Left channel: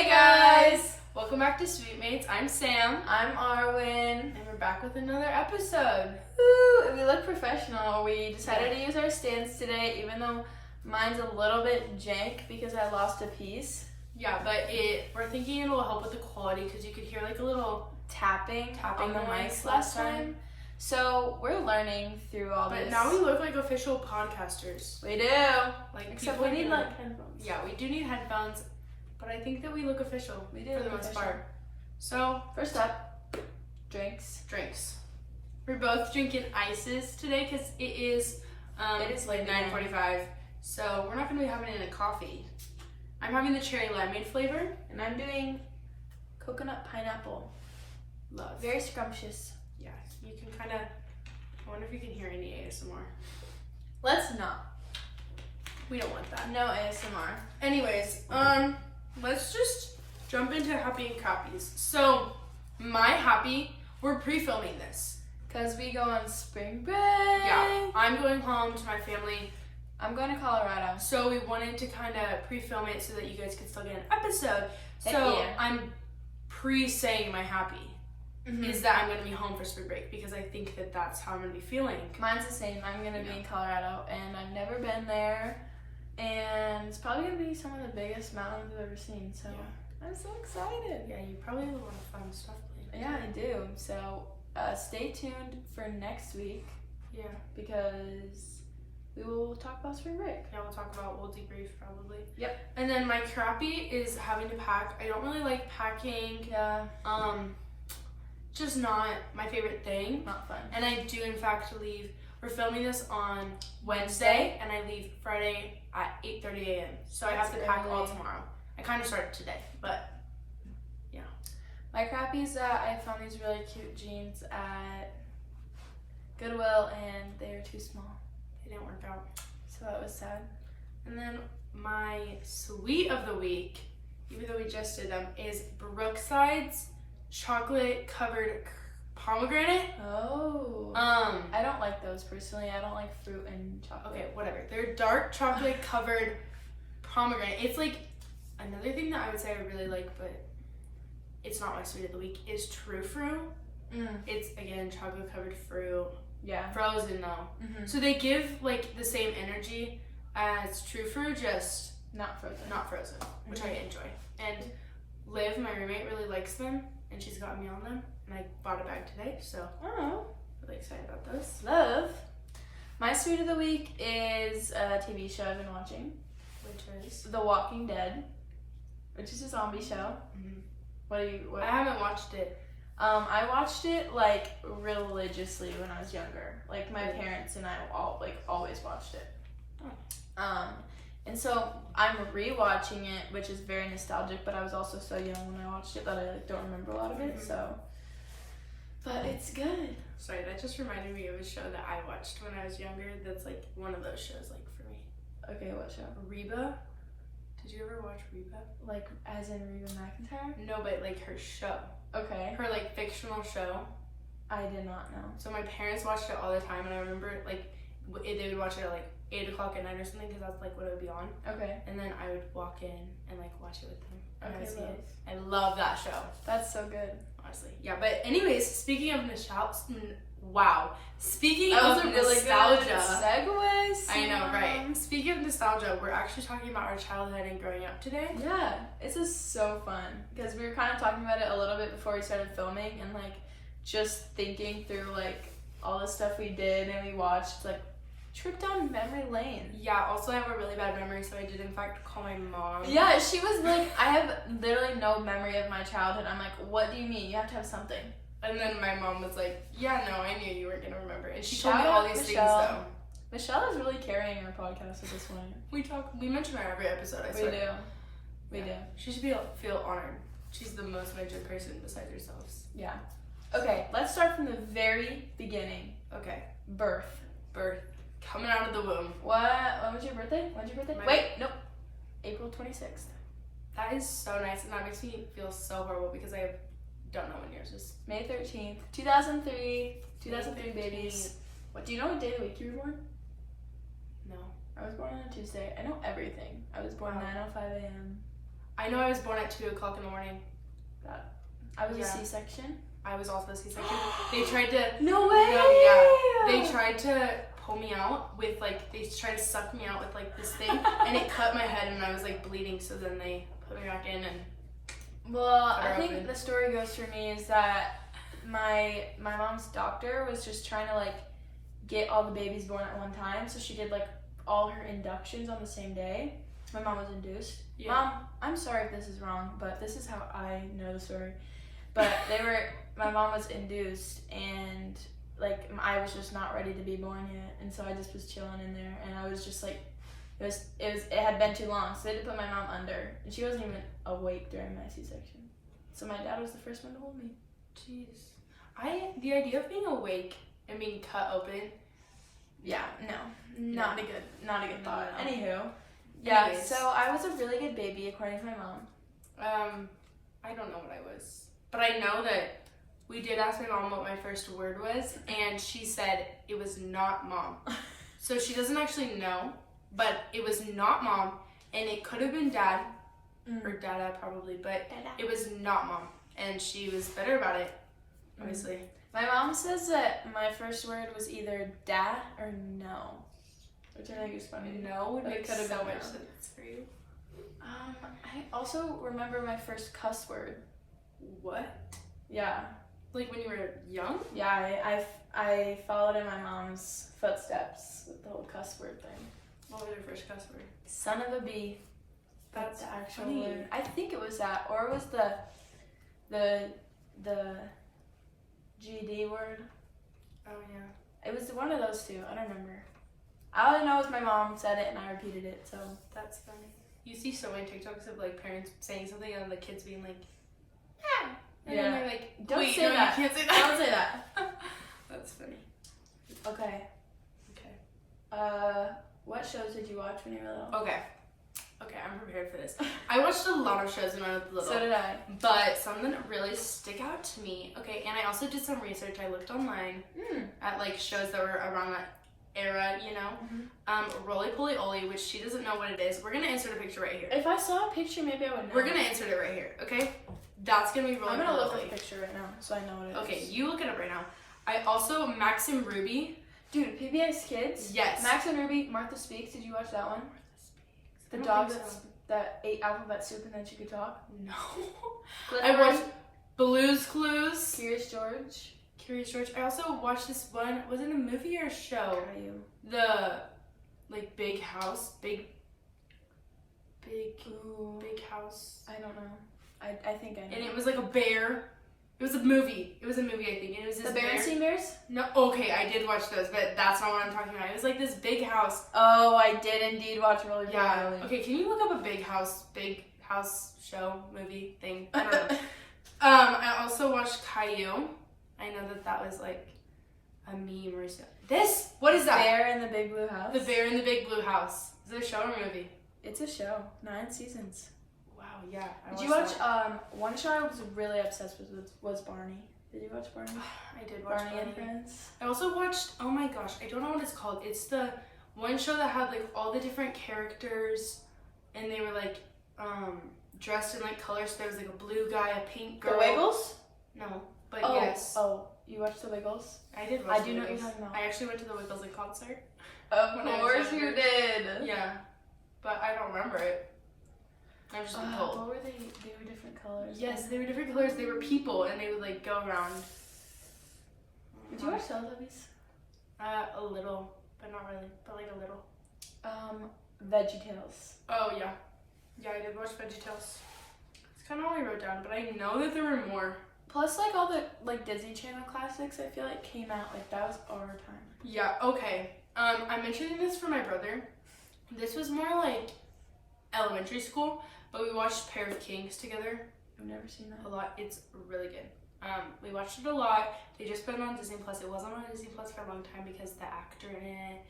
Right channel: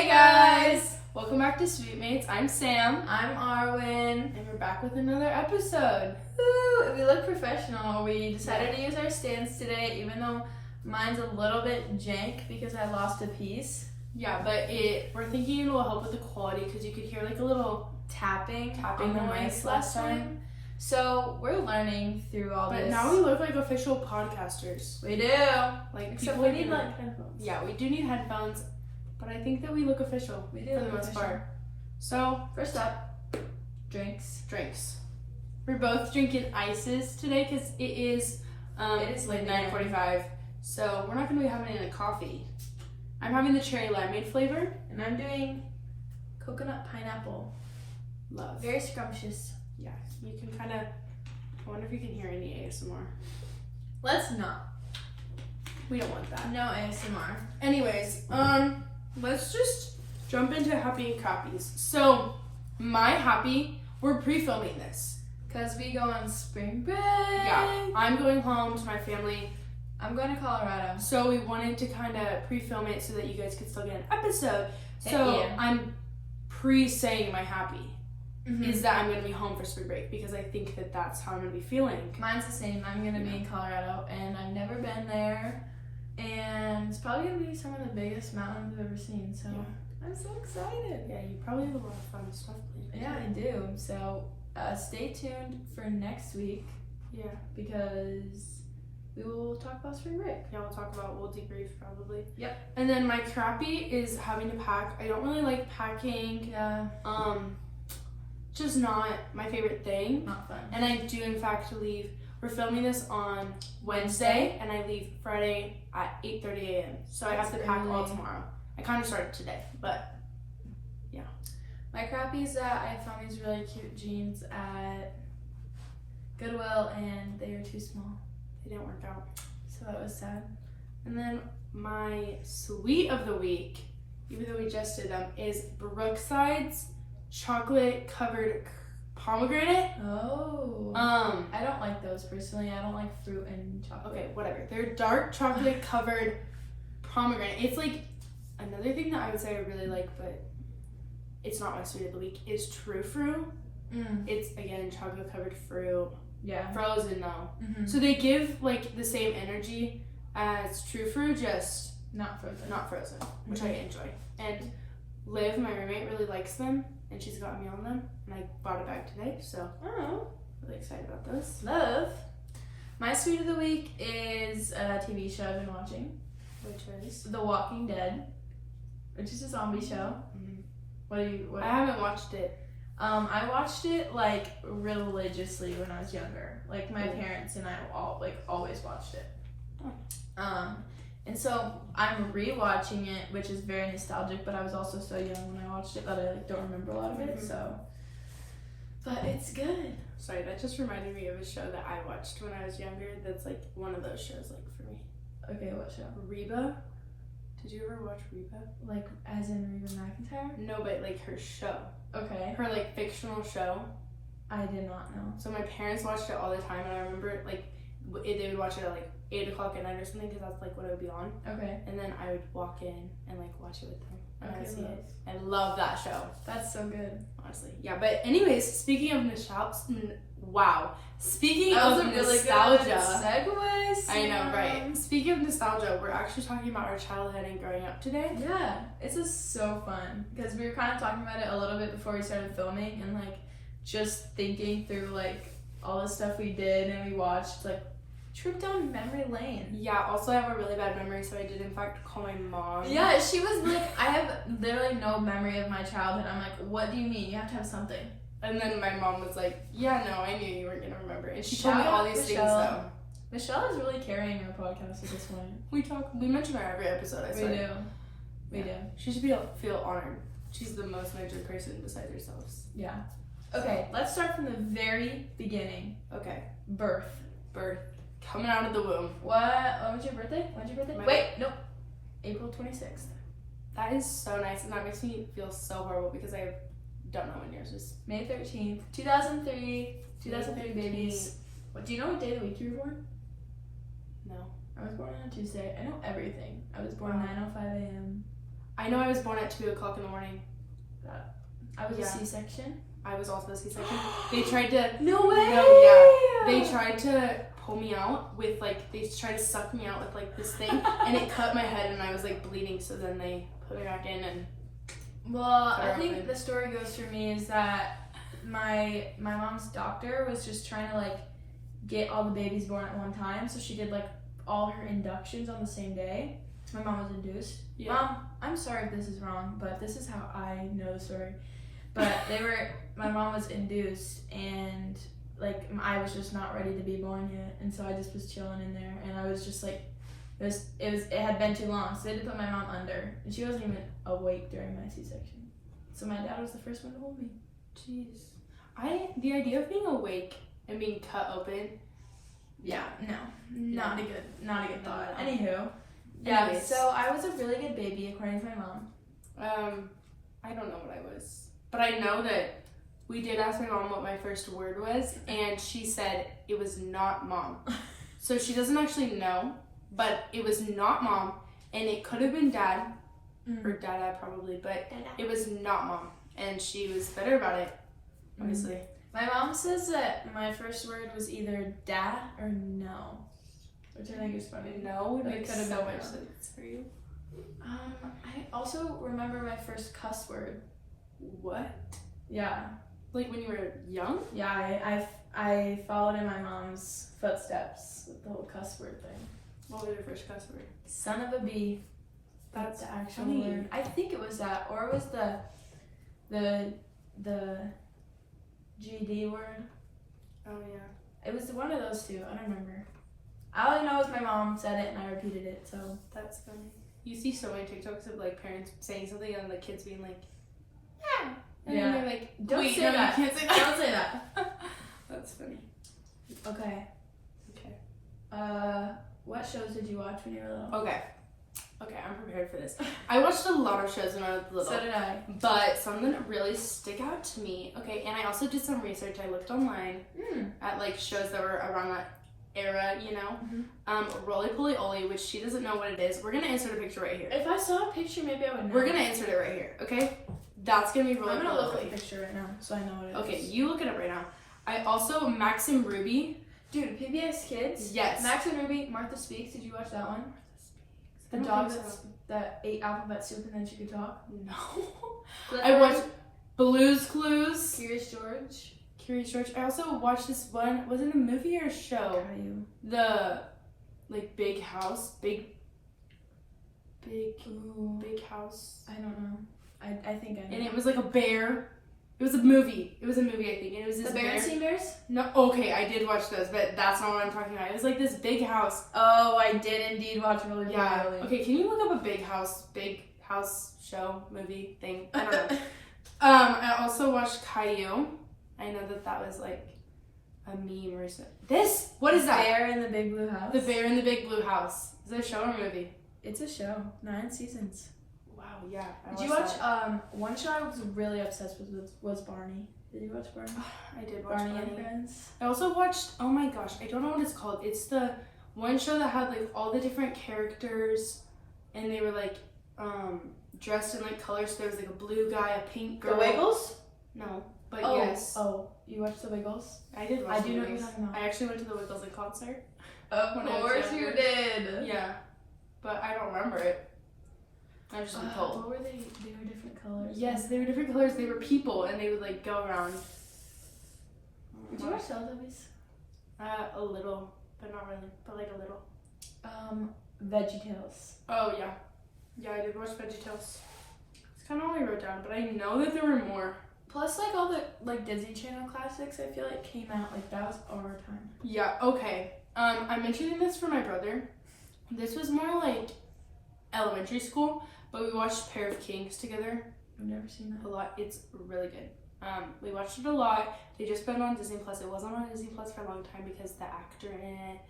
Hey guys! Welcome back to Sweetmates. I'm Sam. I'm Arwen. And we're back with another episode. Woo! We look professional. We decided to use our stands today, even though mine's a little bit jank because I lost a piece. Yeah, but we're thinking it'll help with the quality because you could hear like a little tapping on the mics last time. So we're learning through all this. But now we look like official podcasters. We do. Like Except people we need like headphones. Yeah, we do need headphones, but I think that we look official We do for the most part. So first up, drinks. We're both drinking ices today because it is like 9:45. So we're not going to be having any coffee. I'm having the cherry limeade flavor. And I'm doing coconut pineapple. Love. Very scrumptious. Yeah, you can kind of, I wonder if you can hear any ASMR. Let's not. We don't want that. No ASMR. Anyways, let's just jump into happy and crappies. So, my happy, we're pre-filming this. Because we go on spring break. Yeah, I'm going home to my family. I'm going to Colorado. So we wanted to kind of pre-film it so that you guys could still get an episode. Thank So you. I'm pre-saying my happy is that I'm going to be home for spring break because I think that that's how I'm going to be feeling. Mine's the same. I'm going to be in Colorado and I've never been there. And it's probably going to be some of the biggest mountains I've ever seen. So I'm so excited. Yeah, you probably have a lot of fun stuff planned. Yeah, I do. So stay tuned for next week. Yeah. Because we will talk about spring break. Yeah, we'll debrief probably. Yep. And then my crappy is having to pack. I don't really like packing. Yeah. Just not my favorite thing. Not fun. And I do in fact leave. We're filming this on Wednesday and I leave Friday at 8:30 a.m. So I have to pack all tomorrow. I kind of started today, but yeah. My crappy is that I found these really cute jeans at Goodwill and they were too small. They didn't work out. So that was sad. And then my sweet of the week, even though we just did them, is Brookside's chocolate covered pomegranate. Oh. I don't like those personally. I don't like fruit and chocolate. Okay, whatever. They're dark chocolate covered pomegranate. It's like another thing that I would say I really like, but it's not my sweet of the week, is True Fruit. It's again chocolate covered fruit. Yeah. Frozen though. So they give like the same energy as True Fruit, just not frozen. Not frozen, which I enjoy. And Liv, my roommate, really likes them, and she's gotten me on them. And I bought a bag today, so really excited about those. Love. My sweet of the week is a TV show I've been watching, Which is The Walking Dead, which is a zombie show. What? I haven't watched it. I watched it like religiously when I was younger. Like my parents and I always watched it. And so I'm rewatching it, which is very nostalgic, but I was also so young when I watched it that I don't remember a lot of it, so. But it's good. Sorry, that just reminded me of a show that I watched when I was younger that's like one of those shows like for me. Okay, what show? Reba. Did you ever watch Reba? Like as in Reba McEntire? No, but like her show. Okay. Her like fictional show. I did not know. So my parents watched it all the time, and I remember like they would watch it at like 8 o'clock at night or something because that's like what it would be on. Okay. And then I would walk in and like watch it with them. And I would see love. it. I love that show. That's so good. Honestly. Yeah, but anyways, speaking of nostalgia, Speaking that was of a really nostalgia. Good segue, I know, right? Speaking of nostalgia, we're actually talking about our childhood and growing up today. Yeah, this is so fun because we were kind of talking about it a little bit before we started filming and like just thinking through like all the stuff we did and we watched, like trip down memory lane. Yeah, also I have a really bad memory, so I did in fact call my mom. Yeah, she was like, I have literally no memory of my childhood. I'm like, what do you mean? You have to have something. And then my mom was like, yeah, no, I knew you weren't going to remember. And she Shout told me all out these things, Michelle. though. Michelle is really carrying our podcast at this point. We mention her every episode, I swear. We do. She should feel honored. She's the most mentioned person besides herself. Yeah. Okay, let's start from the very beginning. Okay. Birth. Coming out of the womb. What was your birthday? When's your birthday? Wait, nope. April 26th. That is so nice, and that makes me feel so horrible because I don't know when yours is. May 13th, 2003. 2003 babies. What, do you know what day of the week you were born? No. I was born on a Tuesday. I know everything. I was born 9:05 a.m. I know I was born at 2:00 in the morning. I was Yeah. a C-section. I was also a C-section. They tried to. No way. No, yeah. They tried to pull me out with like, they tried to suck me out with like this thing, and it cut my head, and I was like bleeding. So then they put me back in, and Well, cut her I think open. the story goes for me is that my mom's doctor was just trying to like get all the babies born at one time, so she did like all her inductions on the same day. My mom was induced. Yeah. Mom, I'm sorry if this is wrong, but this is how I know the story. But my mom was induced, and like I was just not ready to be born yet, and so I just was chilling in there, and I was just like, it had been too long, so they had to put my mom under, and she wasn't even awake during my C-section. So my dad was the first one to hold me. Jeez. The idea of being awake and being cut open. Yeah, no, not a good thought. No. Anywho, yeah. Anyways. So I was a really good baby according to my mom. I don't know what I was, but I know that we did ask my mom what my first word was, and she said it was not mom. So she doesn't actually know, but it was not mom, and it could have been dad, or dada probably, but it was not mom, and she was better about it, obviously. My mom says that my first word was either da or no, which I think is funny. No would But make it so could have much been no. sense for you. I also remember my first cuss word. What? Yeah, Like when you were young? yeah. I followed in my mom's footsteps with the whole cuss word thing. What was your first cuss word? Son of a bee. That's the actual funny. word. I think it was that, or it was the GD word. Oh yeah, It was one of those two. I don't remember. All I know is my mom said it and I repeated it. So that's funny. You see so many TikToks of like parents saying something and the kids being like, yeah, and then Yeah. they're like, Don't wait, say no, that. you can't say that. Don't say that. That's funny. Okay. Okay. What shows did you watch when you were little? Okay, I'm prepared for this. I watched a lot of shows when I was little. So did I. But some that really stick out to me. Okay, and I also did some research. I looked online at like shows that were around that era, you know. Roly Poly Oly, which she doesn't know what it is. We're gonna insert a picture right here. If I saw a picture, maybe I would know. We're gonna insert it right here, okay? That's gonna be Roly I'm Poly gonna look Oly. at the picture right now so I know what it is. Okay, you look it up right now. I also Max and Ruby. Dude, PBS Kids. Yes. Max and Ruby. Martha Speaks. Did you watch that one? The I don't dog think so. that ate alphabet soup and then she could talk. No. Clifford, I watched Blue's Clues. Curious George. Curious George. I also watched this one. Was it a movie or a show? The like big house, big house. I don't know. I think I know. And it was like a bear. It was a movie. I think. And it was this The Berenstain Bears? No, okay, I did watch those, but that's not what I'm talking about. It was like this big house. Oh, I did indeed watch Roly Poly Yeah. Oly. Okay, can you look up a big house show, movie thing? I don't know. I also watched Caillou. I know that was like a meme or something. What is that? Bear in the Big Blue House. The Bear in the Big Blue House. Is it a show or movie? It's a show. 9 seasons. Wow, yeah. Did you watch, one show I was really obsessed with was Barney. Did you watch Barney? I did watch Barney Barney. and Friends. I also watched, oh my gosh, I don't know what it's called. It's the one show that had like all the different characters and they were like dressed in like colors. So there was like a blue guy, a pink girl. The Wiggles? No, but Oh, yes. Oh, you watched The Wiggles? I did watch I do the know what you're Wiggles. talking about. I actually went to the Wiggles in concert. Of When I was course you younger. did. Yeah, but I don't remember it. I've just been told. What were they? They were different colors. Yes, they were different colors. They were people, and they would like go around. Did you watch Teletubbies? A little, but not really. But like a little. Veggietales. Oh yeah, yeah, I did watch Veggietales. It's kind of all I wrote down, but I know that there were more. Plus, like all the like Disney Channel classics, I feel like came out like that was our time. Yeah. Okay. I'm mentioning this for my brother. This was more like elementary school, but we watched Pair of Kings together I've never seen a that. lot. It's really good. We watched it a lot. They just put it on Disney Plus. It wasn't on Disney Plus for a long time because the actor in it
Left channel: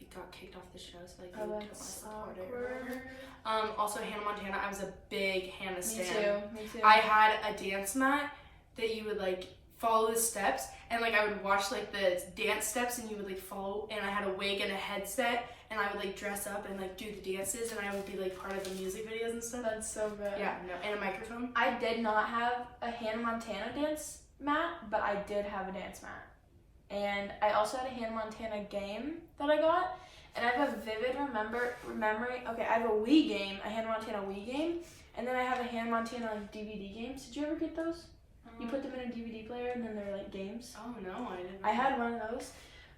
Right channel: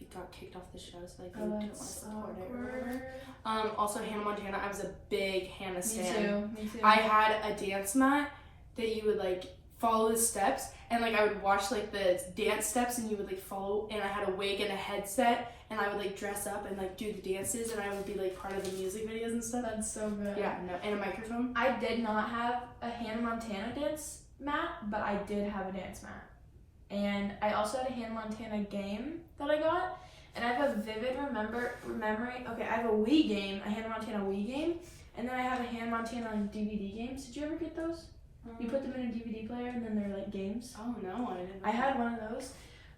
like got kicked off the show, so like they didn't want to support it or whatever. Also Hannah Montana. I was a big Hannah stan. Me too. I had a dance mat that you would like follow the steps, and like I would watch like the dance steps and you would like follow, and I had a wig and a headset and I would like dress up and like do the dances, and I would be like part of the music videos and stuff. That's so good. Yeah, no, and a microphone. I did not have a Hannah Montana dance mat, but I did have a dance mat. And I also had a Hannah Montana game that I got. And I have a vivid memory. Okay, I have a Wii game, a Hannah Montana Wii game. And then I have a Hannah Montana like DVD games. Did you ever get those? You put them in a DVD player and then they're like games. Oh no, I didn't. I had one of those.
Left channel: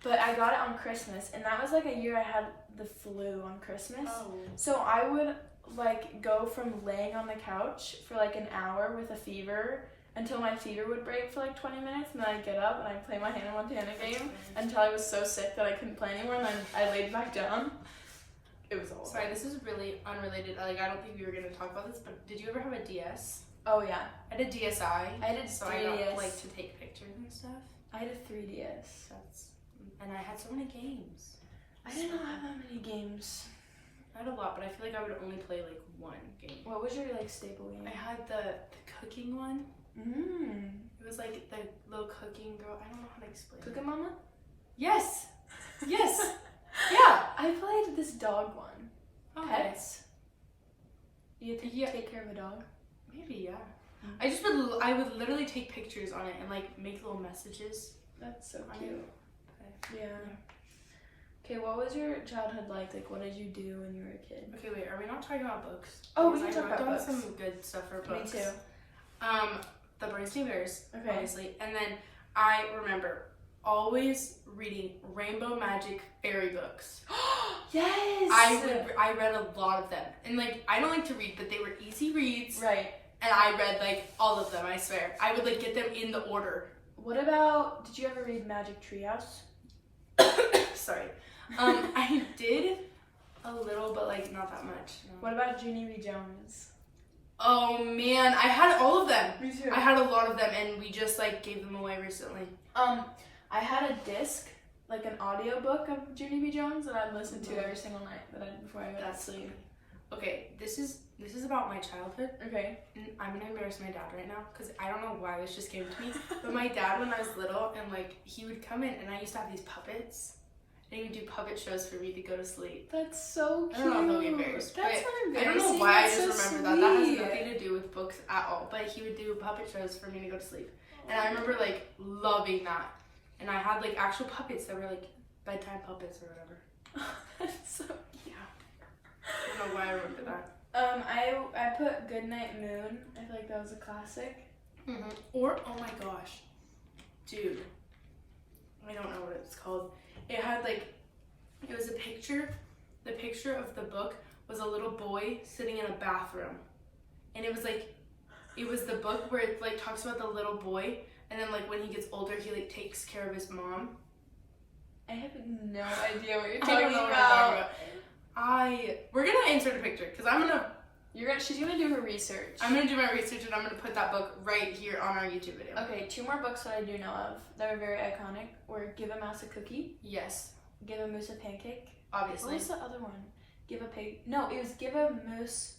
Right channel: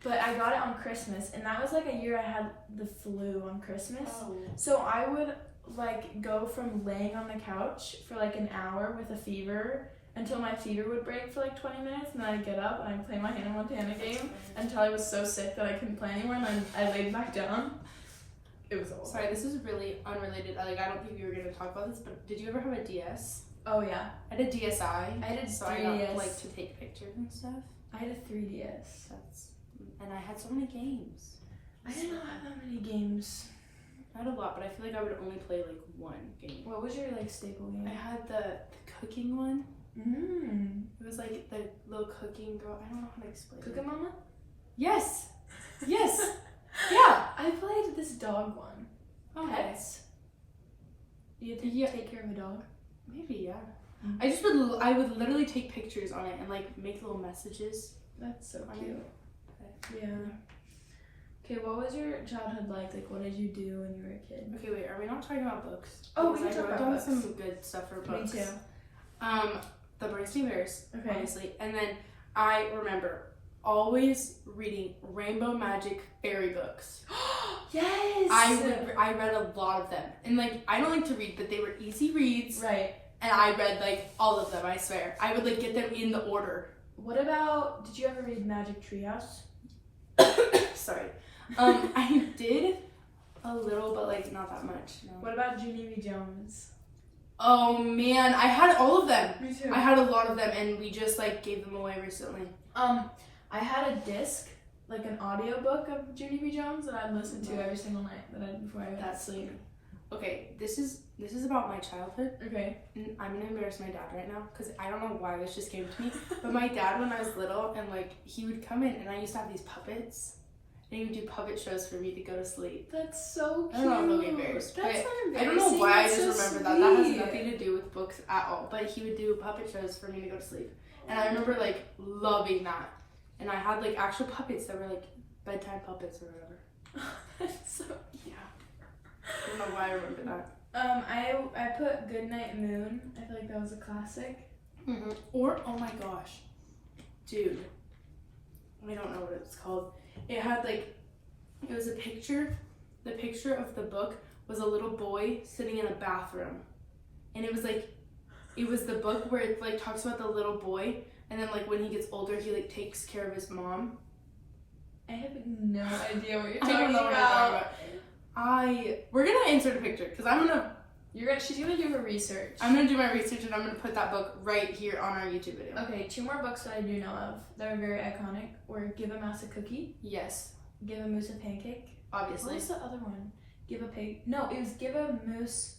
But I got it on Christmas. And that was like a year I had the flu on Christmas. Oh. So I would like go from laying on the couch for like an hour with a fever until my fever would break for like 20 minutes, and then I'd get up and I'd play my Hannah Montana game until I was so sick that I couldn't play anymore, and then I laid back down. It was awful. Sorry, this is really unrelated. I don't think we were gonna talk about this, but did you ever have a DS? Oh yeah. I had a DSi. I did so 3DS. I got like to take pictures and stuff. I had a 3DS. And I had so many games. I did not have that many games. I had a lot, but I feel like I would only play like one game. What was your like staple game? I had the cooking one. Mm. It was like the little cooking girl. I don't know how to explain it. Cooking Mama? Yes. Yes. Yeah. I played this dog one. Oh, Pets. You take care of a dog? Maybe, yeah. Mm-hmm. I would literally take pictures on it and like make little messages. That's so on cute. It. Yeah. Okay, what was your childhood like? Like, what did you do when you were a kid? Okay, wait. Are we not talking about books? Oh, because we can talk I about wrote down books. some good stuff for books. Me too. The Bernstein Bears, Okay. obviously, and then I remember always reading Rainbow Magic fairy books. Yes. I read a lot of them, and like I don't like to read, but they were easy reads. Right. And I read like all of them. I swear, I would like get them in the order. What about? Did you ever read Magic Treehouse? Sorry, I did a little, but like not that much. No. What about Junie B. Jones? Oh man, I had all of them. Me too. I had a lot of them, and we just like gave them away recently. I had a disc, like an audiobook of Junie B. Jones that I'd listen to every single night before I went to sleep. Okay, this is about my childhood. Okay. And I'm gonna embarrass my dad right now because I don't know why this just came to me. But my dad, when I was little, and like he would come in, and I used to have these puppets, and he would do puppet shows for me to go to sleep. That's so cute. I don't know if he'll be embarrassed, That's but not embarrassing. I don't know why I just That's remember so that. That has sweet. nothing to do with books at all. But he would do puppet shows for me to go to sleep, and I remember like loving that. And I had like actual puppets that were like bedtime puppets or whatever. That's so Yeah. I don't know why I remember that. I put Goodnight Moon. I feel like that was a classic. Mm-hmm. Or, oh my gosh, dude, I don't know what it's called. It had like, it was a picture. The picture of the book was a little boy sitting in a bathroom, and it was like, it was the book where it like talks about the little boy, and then like when he gets older, he like takes care of his mom. I have no idea what you're talking about. I don't know what you're talking about. We're gonna insert a picture because She's gonna do her research. I'm gonna do my research, and I'm gonna put that book right here on our YouTube video. Okay, 2 more books that I do know of that are very iconic were Give a Mouse a Cookie, Yes, Give a Moose a Pancake. obviously. What was the other one? Give a pig. No, it was Give a Moose.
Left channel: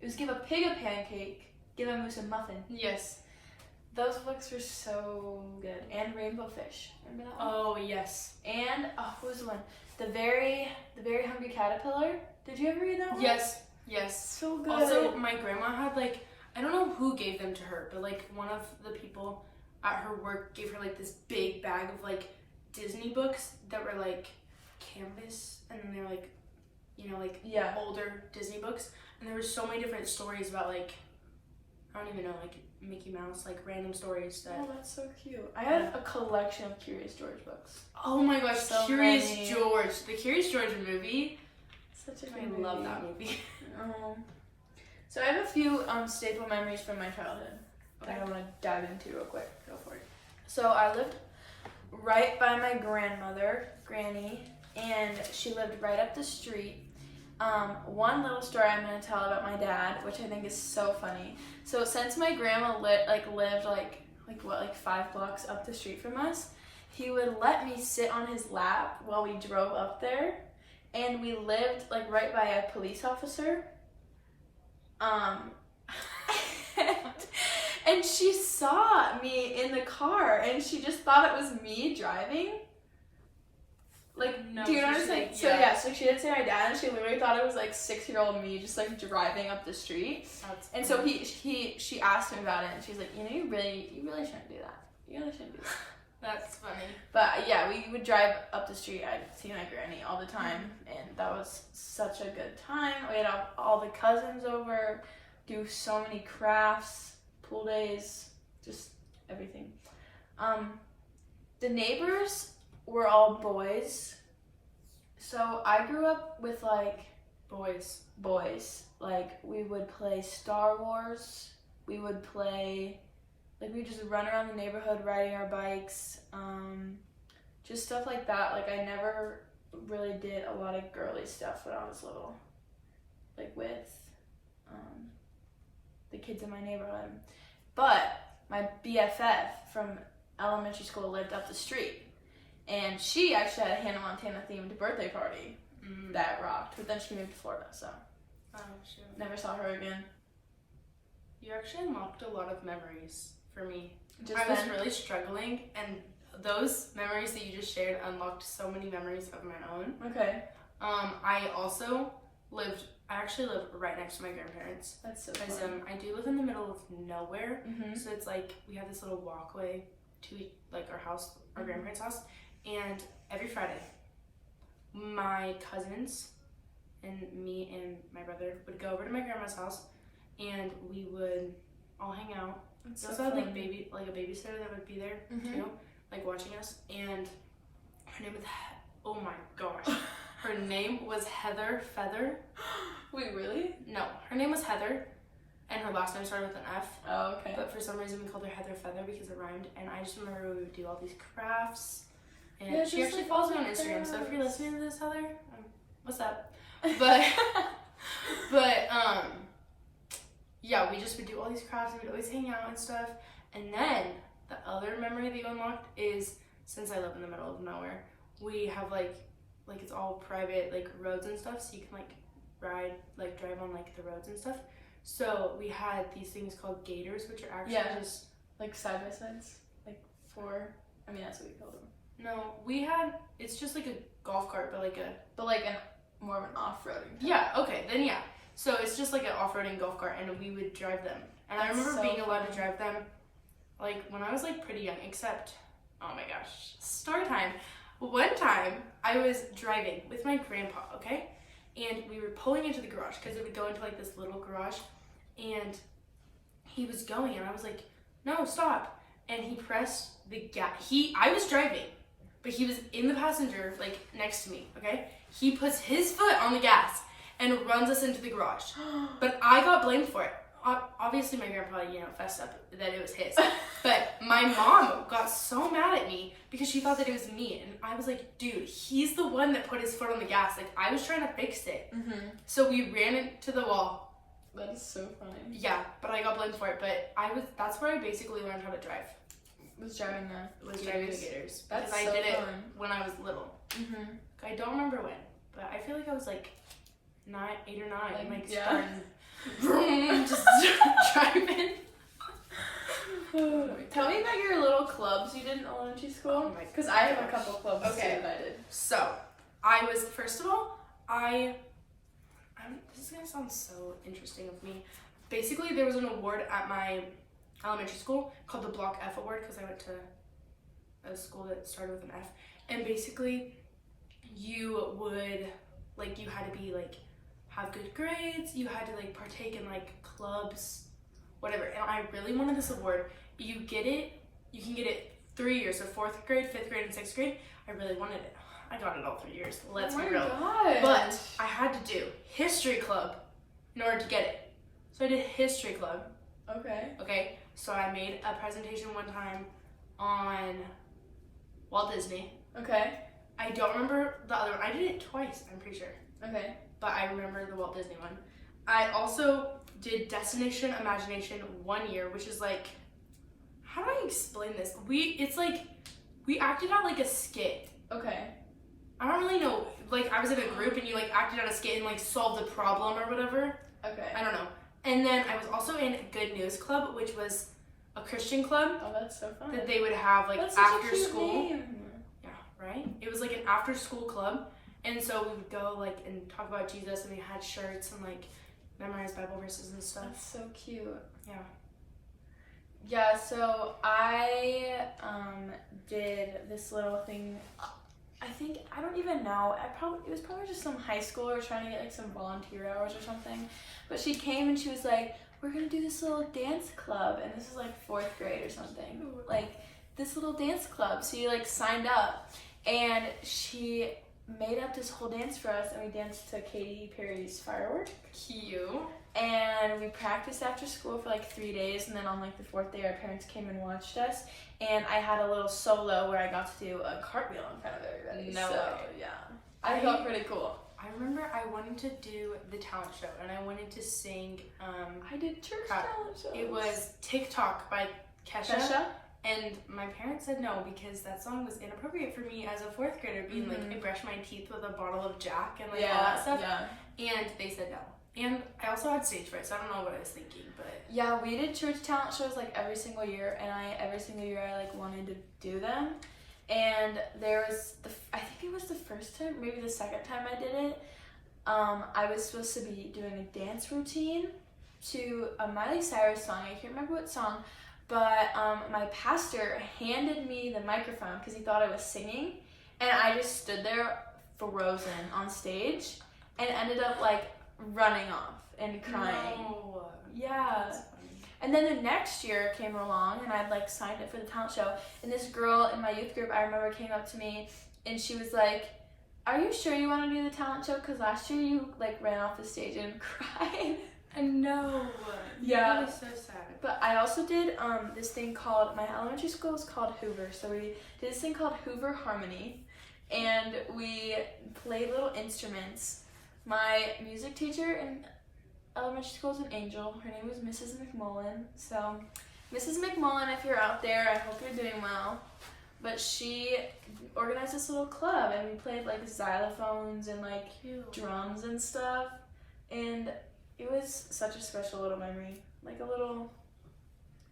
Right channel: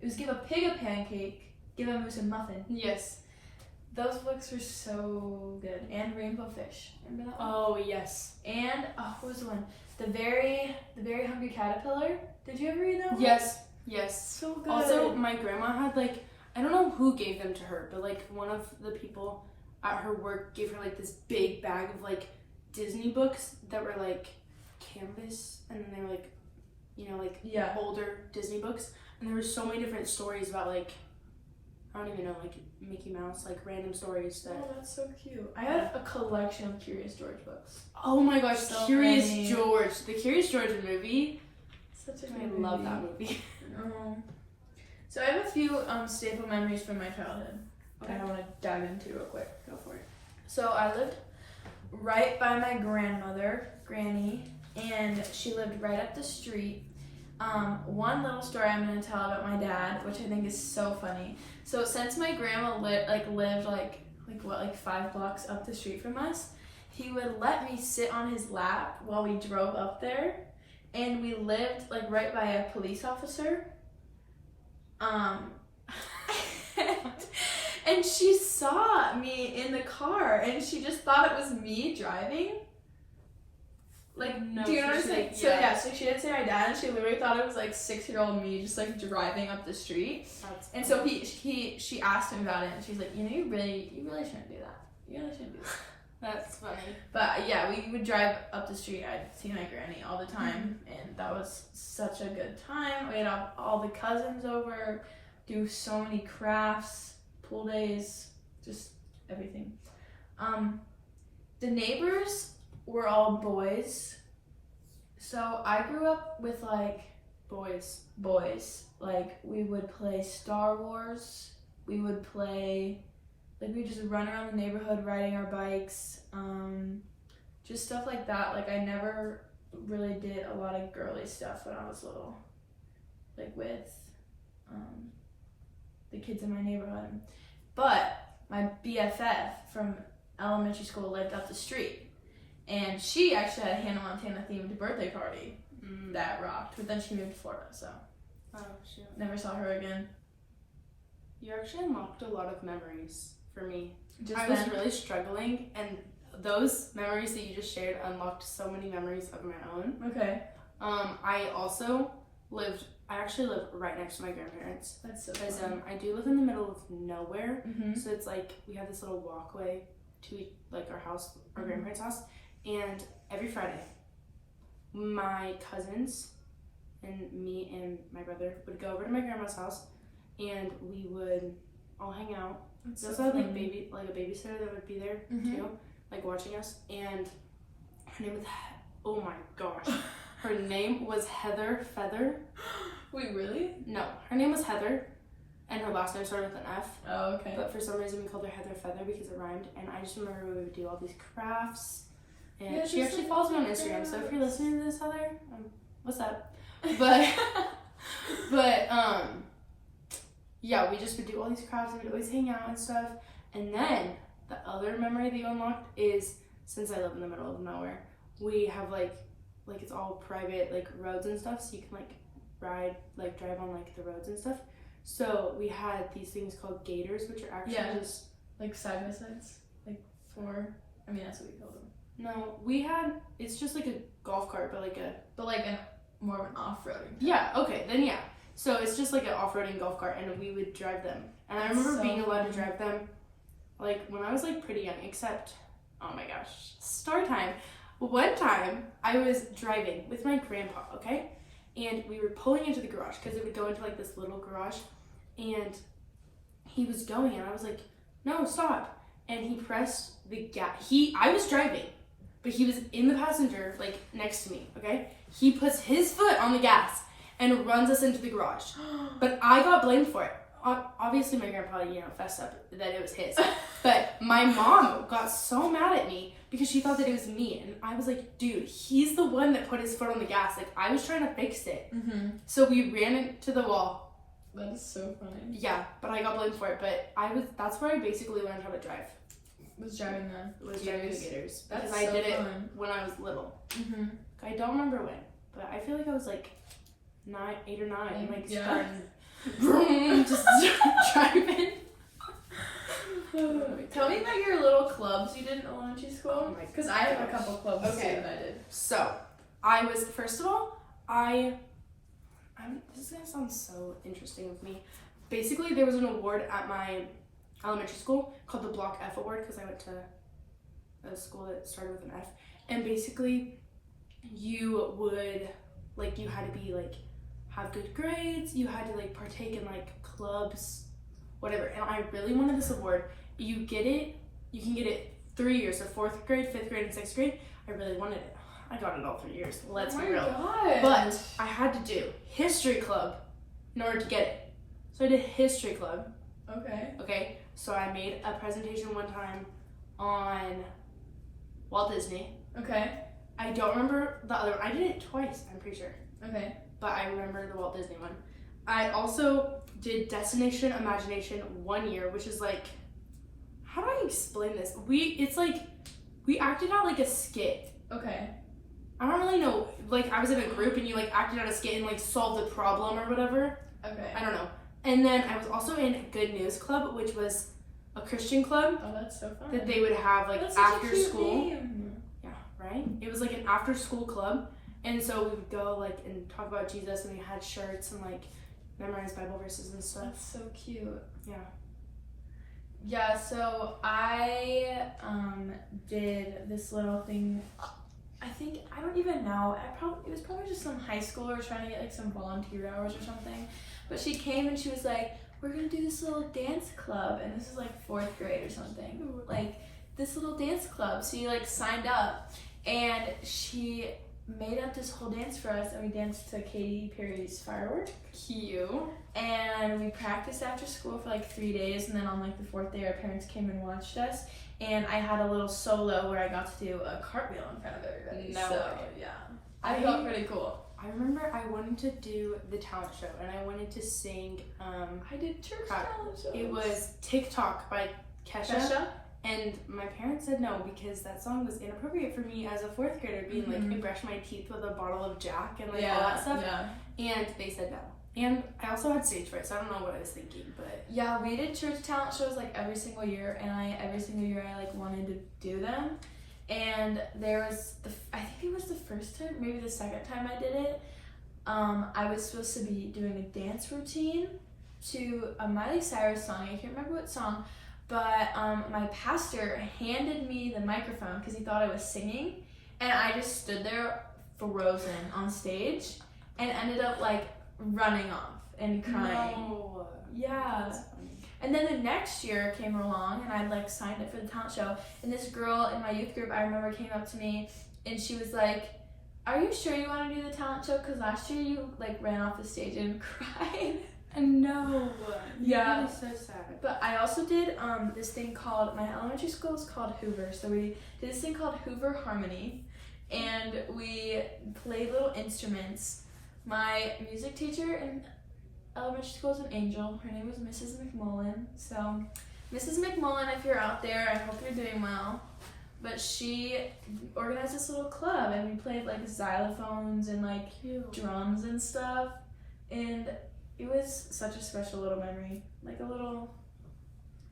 It was Give a Pig a Pancake, Give a Moose a Muffin. Yes. Those books were so good. And Rainbow Fish. Remember that one? Oh yes. And what was the one? The Very Hungry Caterpillar. Did you ever read that one? Yes. Yes. So good. Also, my grandma had like, I don't know who gave them to her, but like one of the people at her work gave her like this big bag of like Disney books that were like canvas, and then they're like, you know, like older Disney books, and there were so many different stories about like, I don't even know, like Mickey Mouse, like random stories that. Oh, that's so cute. I had a collection of Curious George books. Oh my gosh, So Curious many. George, the Curious George movie. Such a I good love movie. that movie. So I have a few staple memories from my childhood that Okay. I want to dive into real quick. Go for it. So I lived right by my grandmother, Granny, and she lived right up the street. One little story I'm going to tell about my dad, which I think is so funny. So since my grandma lived like 5 blocks up the street from us, he would let me sit on his lap while we drove up there, and we lived like right by a police officer. And she saw me in the car, and she just thought it was me driving. Like, No, do you know what I'm she's saying? like, So yeah. yeah, so she didn't say my dad, and she literally thought it was like 6-year-old me just like driving up the street. That's And so she asked him about it, and she's like, you know, you really shouldn't do that. You really shouldn't do that. That's funny. But yeah, we would drive up the street. I'd see my granny all the time, and that was such a good time. We had all the cousins over, do so many crafts, pool days, just everything. The neighbors were all boys, so I grew up with like Boys. Like we would play Star Wars. We would play. Like, we just run around the neighborhood riding our bikes, just stuff like that. Like, I never really did a lot of girly stuff when I was little, like, with the kids in my neighborhood. But my BFF from elementary school lived up the street, and she actually had a Hannah Montana themed birthday party that rocked, but then she moved to Florida, so never saw her again. You actually unlocked a lot of memories for me. Just I was really struggling, and those memories that you just shared unlocked so many memories of my own. Okay. I actually live right next to my grandparents. That's so Because fun. I do live in the middle of nowhere, Mm-hmm. so it's like we have this little walkway to like our house, our grandparents' house, and every Friday, my cousins and me and my brother would go over to my grandma's house, and we would all hang out. That's We so also had fun. like a babysitter that would be there too, like watching us. And her name was oh my gosh, her name was Heather Feather. Wait, really? No, her name was Heather, and her last name started with an F. Oh, okay. But for some reason we called her Heather Feather because it rhymed. And I just remember we would do all these crafts. And Yeah, she just actually like follows me on crafts. Instagram. So if you're listening to this, Heather, what's up? But yeah, we just would do all these crafts and we'd always hang out and stuff. And then the other memory that you unlocked is, since I live in the middle of nowhere, we have like it's all private like roads and stuff, so you can drive on like the roads and stuff. So we had these things called gators, which are actually just like side by sides, like four. I mean, that's what we call them. No, it's just like a golf cart, but like more of an off-roading. Yeah, okay, then yeah. So it's just like an off-roading golf cart, and we would drive them. And I remember being allowed to drive them, like, when I was, like, pretty young, except, oh my gosh, story time. One time, I was driving with my grandpa, okay? And we were pulling into the garage, because it would go into, like, this little garage. And he was going, and I was like, no, stop. And he pressed the gas. I was driving, but he was in the passenger, like, next to me, okay? He puts his foot on the gas and runs us into the garage. But I got blamed for it. Obviously, my grandpa, fessed up that it was his. But my mom got so mad at me because she thought that it was me. And I was like, dude, he's the one that put his foot on the gas. Like, I was trying to fix it. Mm-hmm. So we ran into the wall. That is so funny. Yeah, but I got blamed for it. But that's where I basically learned how to drive. Driving the gators. Because That's I so did it fun. when I was little. Mm-hmm. I don't remember when, but I feel like I was like 8 or 9, starting just driving. Tell me about your little clubs you did in elementary school. Oh my Because I have a couple clubs too that I did. So, first of all, this is gonna sound so interesting of me. Basically, there was an award at my elementary school called the Block F Award because I went to a school that started with an F. And basically, you would, you had to be, have good grades, you had to, partake in, clubs, whatever. And I really wanted this award. You can get it 3 years, so 4th grade, 5th grade, and 6th grade. I really wanted it. I got it all 3 years, let's be real. Gosh. But I had to do history club in order to get it. So I did history club. Okay, so I made a presentation one time on Walt Disney. Okay. I don't remember the other one. I did it twice, I'm pretty sure. Okay. But I remember the Walt Disney one. I also did Destination Imagination 1 year, which is how do I explain this? We acted out a skit. Okay. I don't really know. I was in a group and you acted out a skit and solved the problem or whatever. Okay. I don't know. And then I was also in Good News Club, which was a Christian club Oh, that's so fun. that they would have That's such a after cute school. name. Yeah, right? night. It was like an after school club. And so we would go like and talk about Jesus, and we had shirts and like memorize Bible verses and stuff. That's so cute. Yeah. Yeah, so I did this little thing. I don't even know. It was probably just some high schooler trying to get like some volunteer hours or something. But she came and she was like, we're gonna do this little dance club, and this is like 4th grade or something. Like this little dance club. So you like signed up, and she made up this whole dance for us, and we danced to Katy Perry's Firework. Cute. And we practiced after school for like 3 days, and then on like the 4th day our parents came and watched us, and I had a little solo where I got to do a cartwheel in front of everybody. No so, way. Yeah. I felt pretty cool. I remember I wanted to do the talent show, and I wanted to sing I did church crap. talent shows. It was TikTok by Kesha. And my parents said no because that song was inappropriate for me as a 4th grader, being like, I brushed my teeth with a bottle of Jack and like all that stuff. Yeah. And they said no. And I also had stage fright, so I don't know what I was thinking, but Yeah, we did church talent shows like every single year, and every single year I like wanted to do them. And there was I think it was the first time, maybe the second time I did it. I was supposed to be doing a dance routine to a Miley Cyrus song. I can't remember what song. But my pastor handed me the microphone because he thought I was singing, and I just stood there frozen on stage and ended up like running off and crying. No. Yeah. That's funny. And then the next year came along, and I'd like signed up for the talent show, and this girl in my youth group, I remember, came up to me and she was like, are you sure you want to do the talent show? Because last year you like ran off the stage and cried. And no. Yeah. That is so sad. But I also did this thing called, my elementary school is called Hoover, so we did this thing called Hoover Harmony, and we played little instruments. My music teacher in elementary school is an angel. Her name was Mrs. McMullen. So, Mrs. McMullen, if you're out there, I hope you're doing well. But she organized this little club, and we played like xylophones and like drums and stuff, and it was such a special little memory, like a little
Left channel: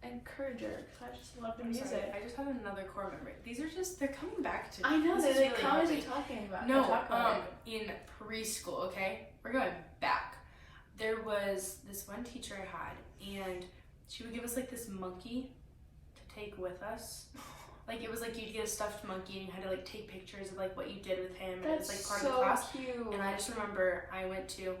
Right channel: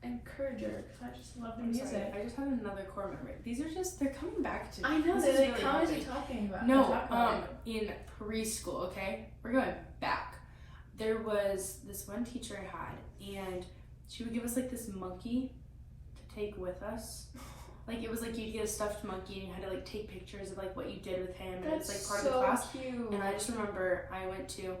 encourager, because I just love the music. Sorry, I just had another core memory. These are just, they're coming back to me. I know, This they're is like really constantly helping. talking about. No, in preschool, okay? We're going back. There was this one teacher I had, and she would give us like this monkey to take with us. Like it was like you'd get a stuffed monkey and you had to like take pictures of like what you did with him, and it was like part of the class. Cute. And I just remember I went to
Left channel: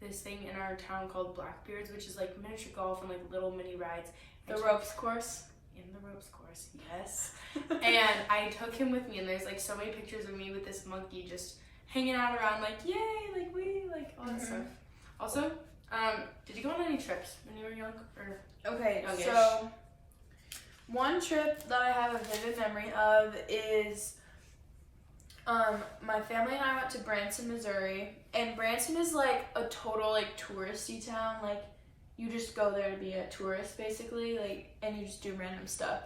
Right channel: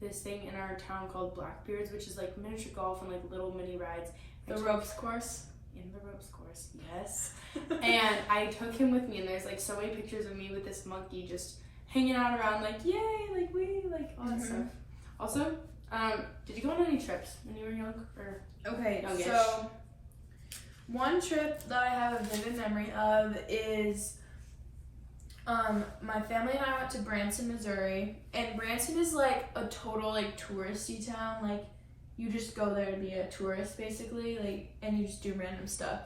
this thing in our town called Blackbeards, which is like miniature golf and like little mini rides. The ropes course? In the ropes course, yes. And I took him with me, and there's like so many pictures of me with this monkey just hanging out around, like yay, like we, like all that stuff. Also, did you go on any trips when you were young or Okay, youngish? so one trip that I have a vivid memory of is my family and I went to Branson, Missouri, and Branson is like a total like touristy town. Like you just go there to be a tourist basically, like, and you just do random stuff.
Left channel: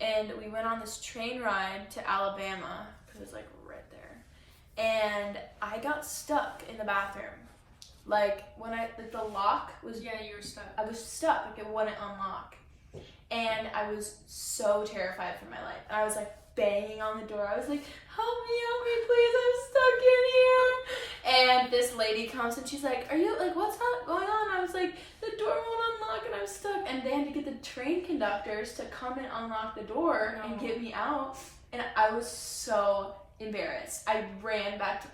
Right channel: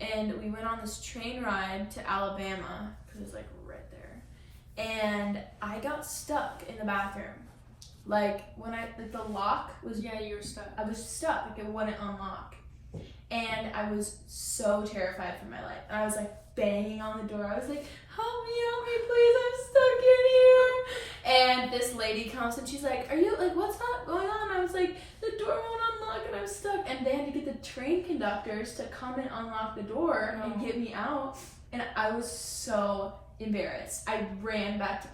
And we went on this train ride to Alabama because it's like right there, and I got stuck in the bathroom. Like when the lock was, yeah, you were stuck. I was stuck, like it wouldn't unlock. And I was so terrified for my life. And I was like banging on the door. I was like, help me, please, I'm stuck in here. And this lady comes and she's like, are you, like, what's going on? I was like, the door won't unlock and I'm stuck. And they had to get the train conductors to come and unlock the door and get me out. And I was so embarrassed. I ran back to,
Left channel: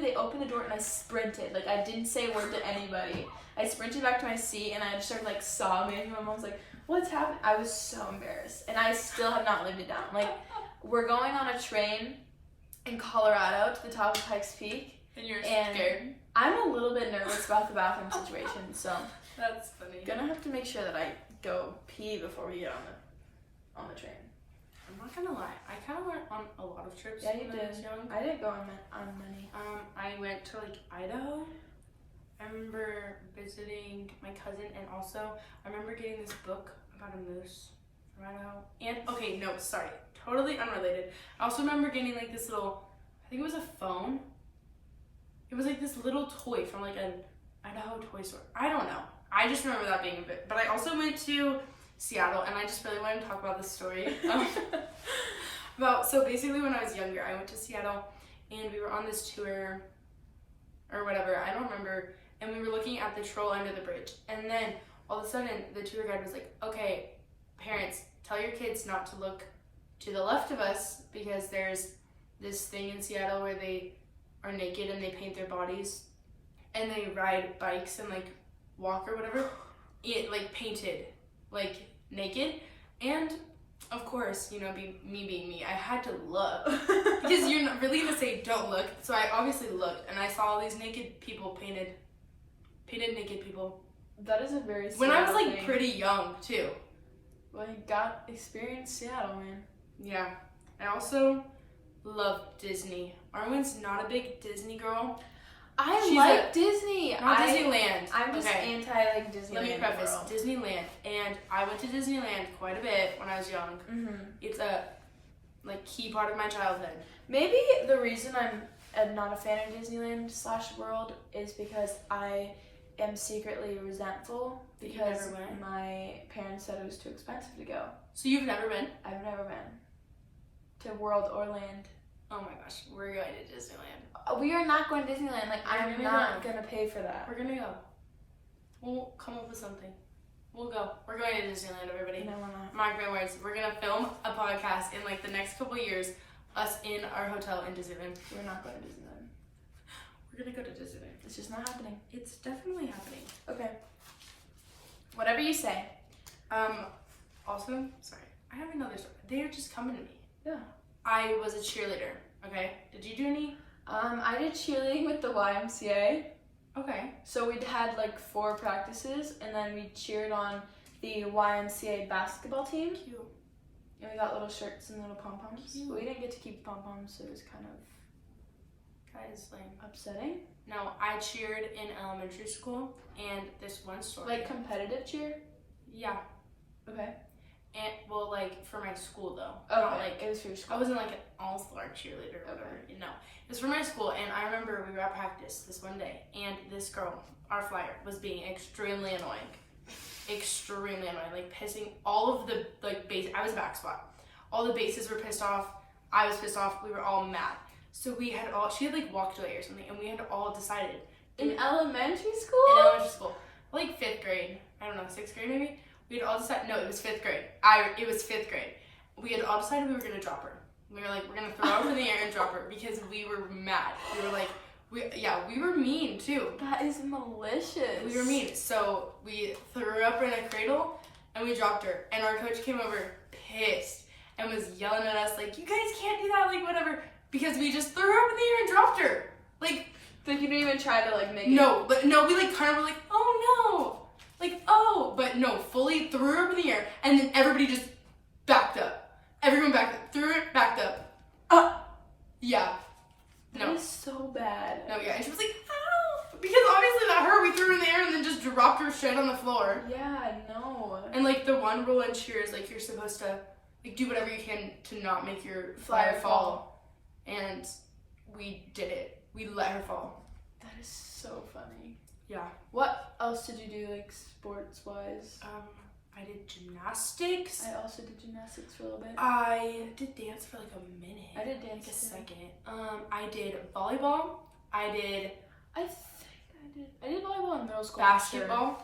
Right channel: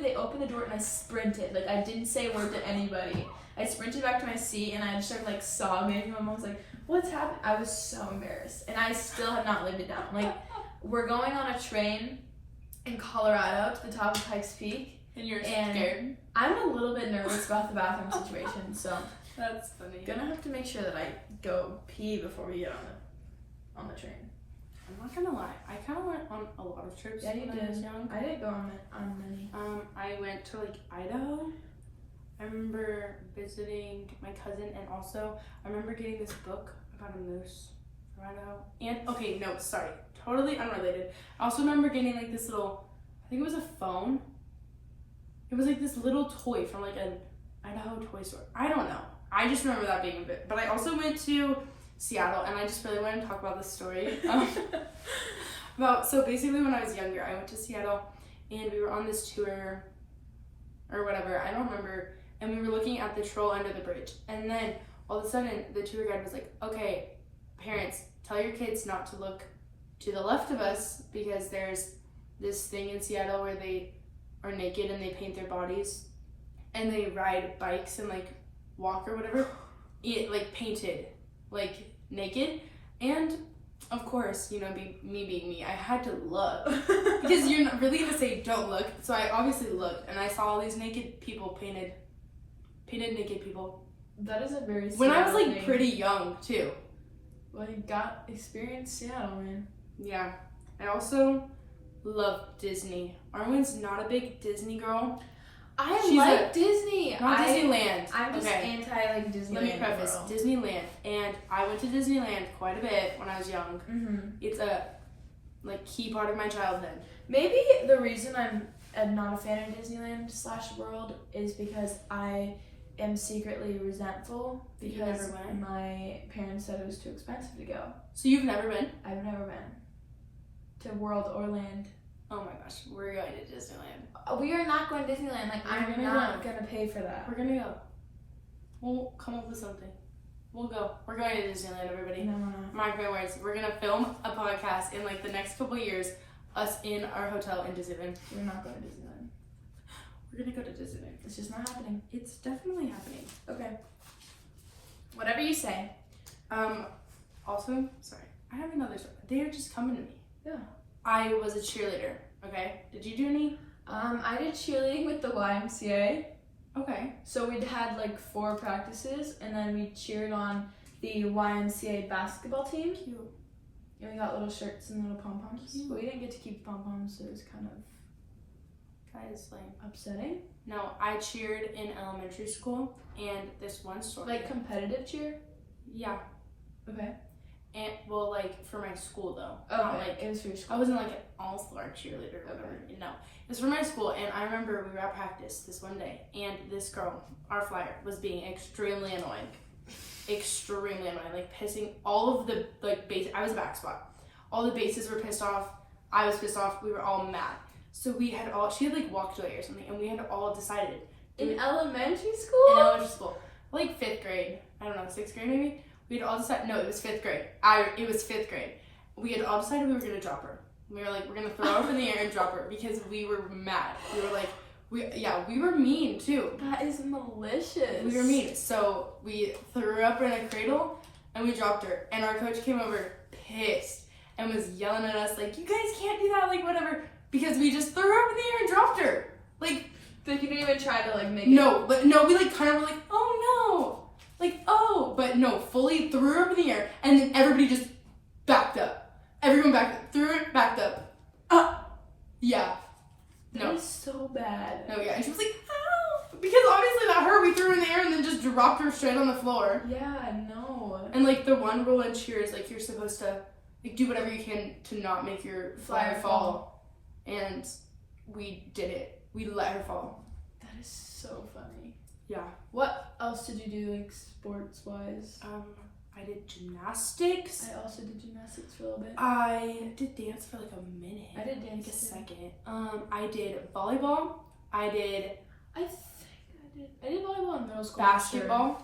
they opened the door and I sprinted. Like, I didn't say a word to anybody. I sprinted back to my seat and I just started like sobbing. My mom was like, what's happening? I was so embarrassed, and I still have not lived it down. Like, we're going on a train in Colorado to the top of Pikes Peak. And you're scared? I'm a little bit nervous about the bathroom situation, so that's funny. Gonna have to make sure that I go pee before we get on the train. I'm not gonna lie, I kind of went on a lot of trips when I was young. I didn't go on many. I went to like Idaho. I remember visiting my cousin, and also I remember getting this book about a moose from Idaho. And okay, no, sorry, totally unrelated. I also remember getting like this little, I think it was a phone. It was like this little toy from like an Idaho toy store. I don't know. I just remember that being a bit. But I also went to Seattle, and I just really want to talk about this story. So basically when I was younger, I went to Seattle and we were on this tour or whatever, I don't remember, and we were looking at the troll under the bridge, and then all of a sudden the tour guide was like, okay, parents, tell your kids not to look to the left of us because there's this thing in Seattle where they are naked and they paint their bodies and they ride bikes and like walk or whatever, like painted, like naked. And of course, you know, me being me, I had to look because you're not really gonna say don't look. So I obviously looked and I saw all these naked people, painted naked people. That is a very when I was like thing. Pretty young too. Well, you got experience Seattle, man. Yeah. I also love Disney. Arwen's not a big Disney girl. She's like Disney. Not Disneyland. I'm just okay. anti like Disneyland. Let me preface girl. Disneyland, and I went to Disneyland quite a bit when I was young. Mm-hmm. It's a like key part of my childhood. Maybe the reason I'm not a fan of Disneyland / World is because I am secretly resentful because my parents said it was too expensive to go. So you've never been? I've never been to World or Land. Oh my gosh, we're going to Disneyland. We are not going to Disneyland. Like, I'm not going to pay for that. We're going to go. We'll come up with something. We'll go. We're going to Disneyland, everybody. No. Mark my words. We're going to film a podcast in like the next couple years, us in our hotel in Disneyland. We're not going to Disneyland. We're going to go to Disneyland. It's just not happening. It's definitely happening. Okay. Whatever you say. Also, sorry. I have another story. They're just coming to me. Yeah. I was a cheerleader, okay? Did you do any? I did cheerleading with the YMCA. Okay. So we'd had like 4 practices, and then we cheered on the YMCA basketball team. Cute. And we got little shirts and little pom-poms. Cute. But we didn't get to keep pom-poms, so it was kind of Lame. upsetting. No, I cheered in elementary school, and this one story. Like competitive cheer? Yeah. Okay. And well, like for my school though. Oh, Not like it was for your school. I wasn't like an all-star cheerleader or whatever. Okay. No, it was for my school, and I remember we were at practice this one day, and this girl, our flyer, was being extremely annoying, like pissing all of the like base. I was a back spot. All the bases were pissed off. I was pissed off. We were all mad. So she had like walked away or something, and we had all decided. In elementary school? In elementary school, like 5th grade. I don't know, 6th grade maybe. We had all decided. No, it was 5th grade. It was 5th grade. We had all decided we were gonna drop her. We were like, we're gonna throw her up in the air and drop her because we were mad. We were like, we were mean too. That is malicious. We were mean. So we threw her up in a cradle and we dropped her. And our coach came over pissed and was yelling at us like, you guys can't do that, like whatever, because we just threw her up in the air and dropped her. Like you didn't even try to like make no, we like kind of were like, oh no. Like, oh, but no, fully threw her up in the air, and then everybody just backed up. Everyone backed up, threw it, backed up. Yeah. No. That is so bad. No, yeah, and she was like, ow! Because obviously not her, we threw her in the air and then just dropped her straight on the floor. Yeah, no. And like the one rule in cheer is like you're supposed to like do whatever you can to not make your flyer fall. And we did it. We let her fall. That is so funny. Yeah. What else did you do, like, sports-wise? I did gymnastics. I also did gymnastics for a little bit. I did dance for like a minute. I did dance like a too. second. I did volleyball. I did volleyball in middle school. basketball.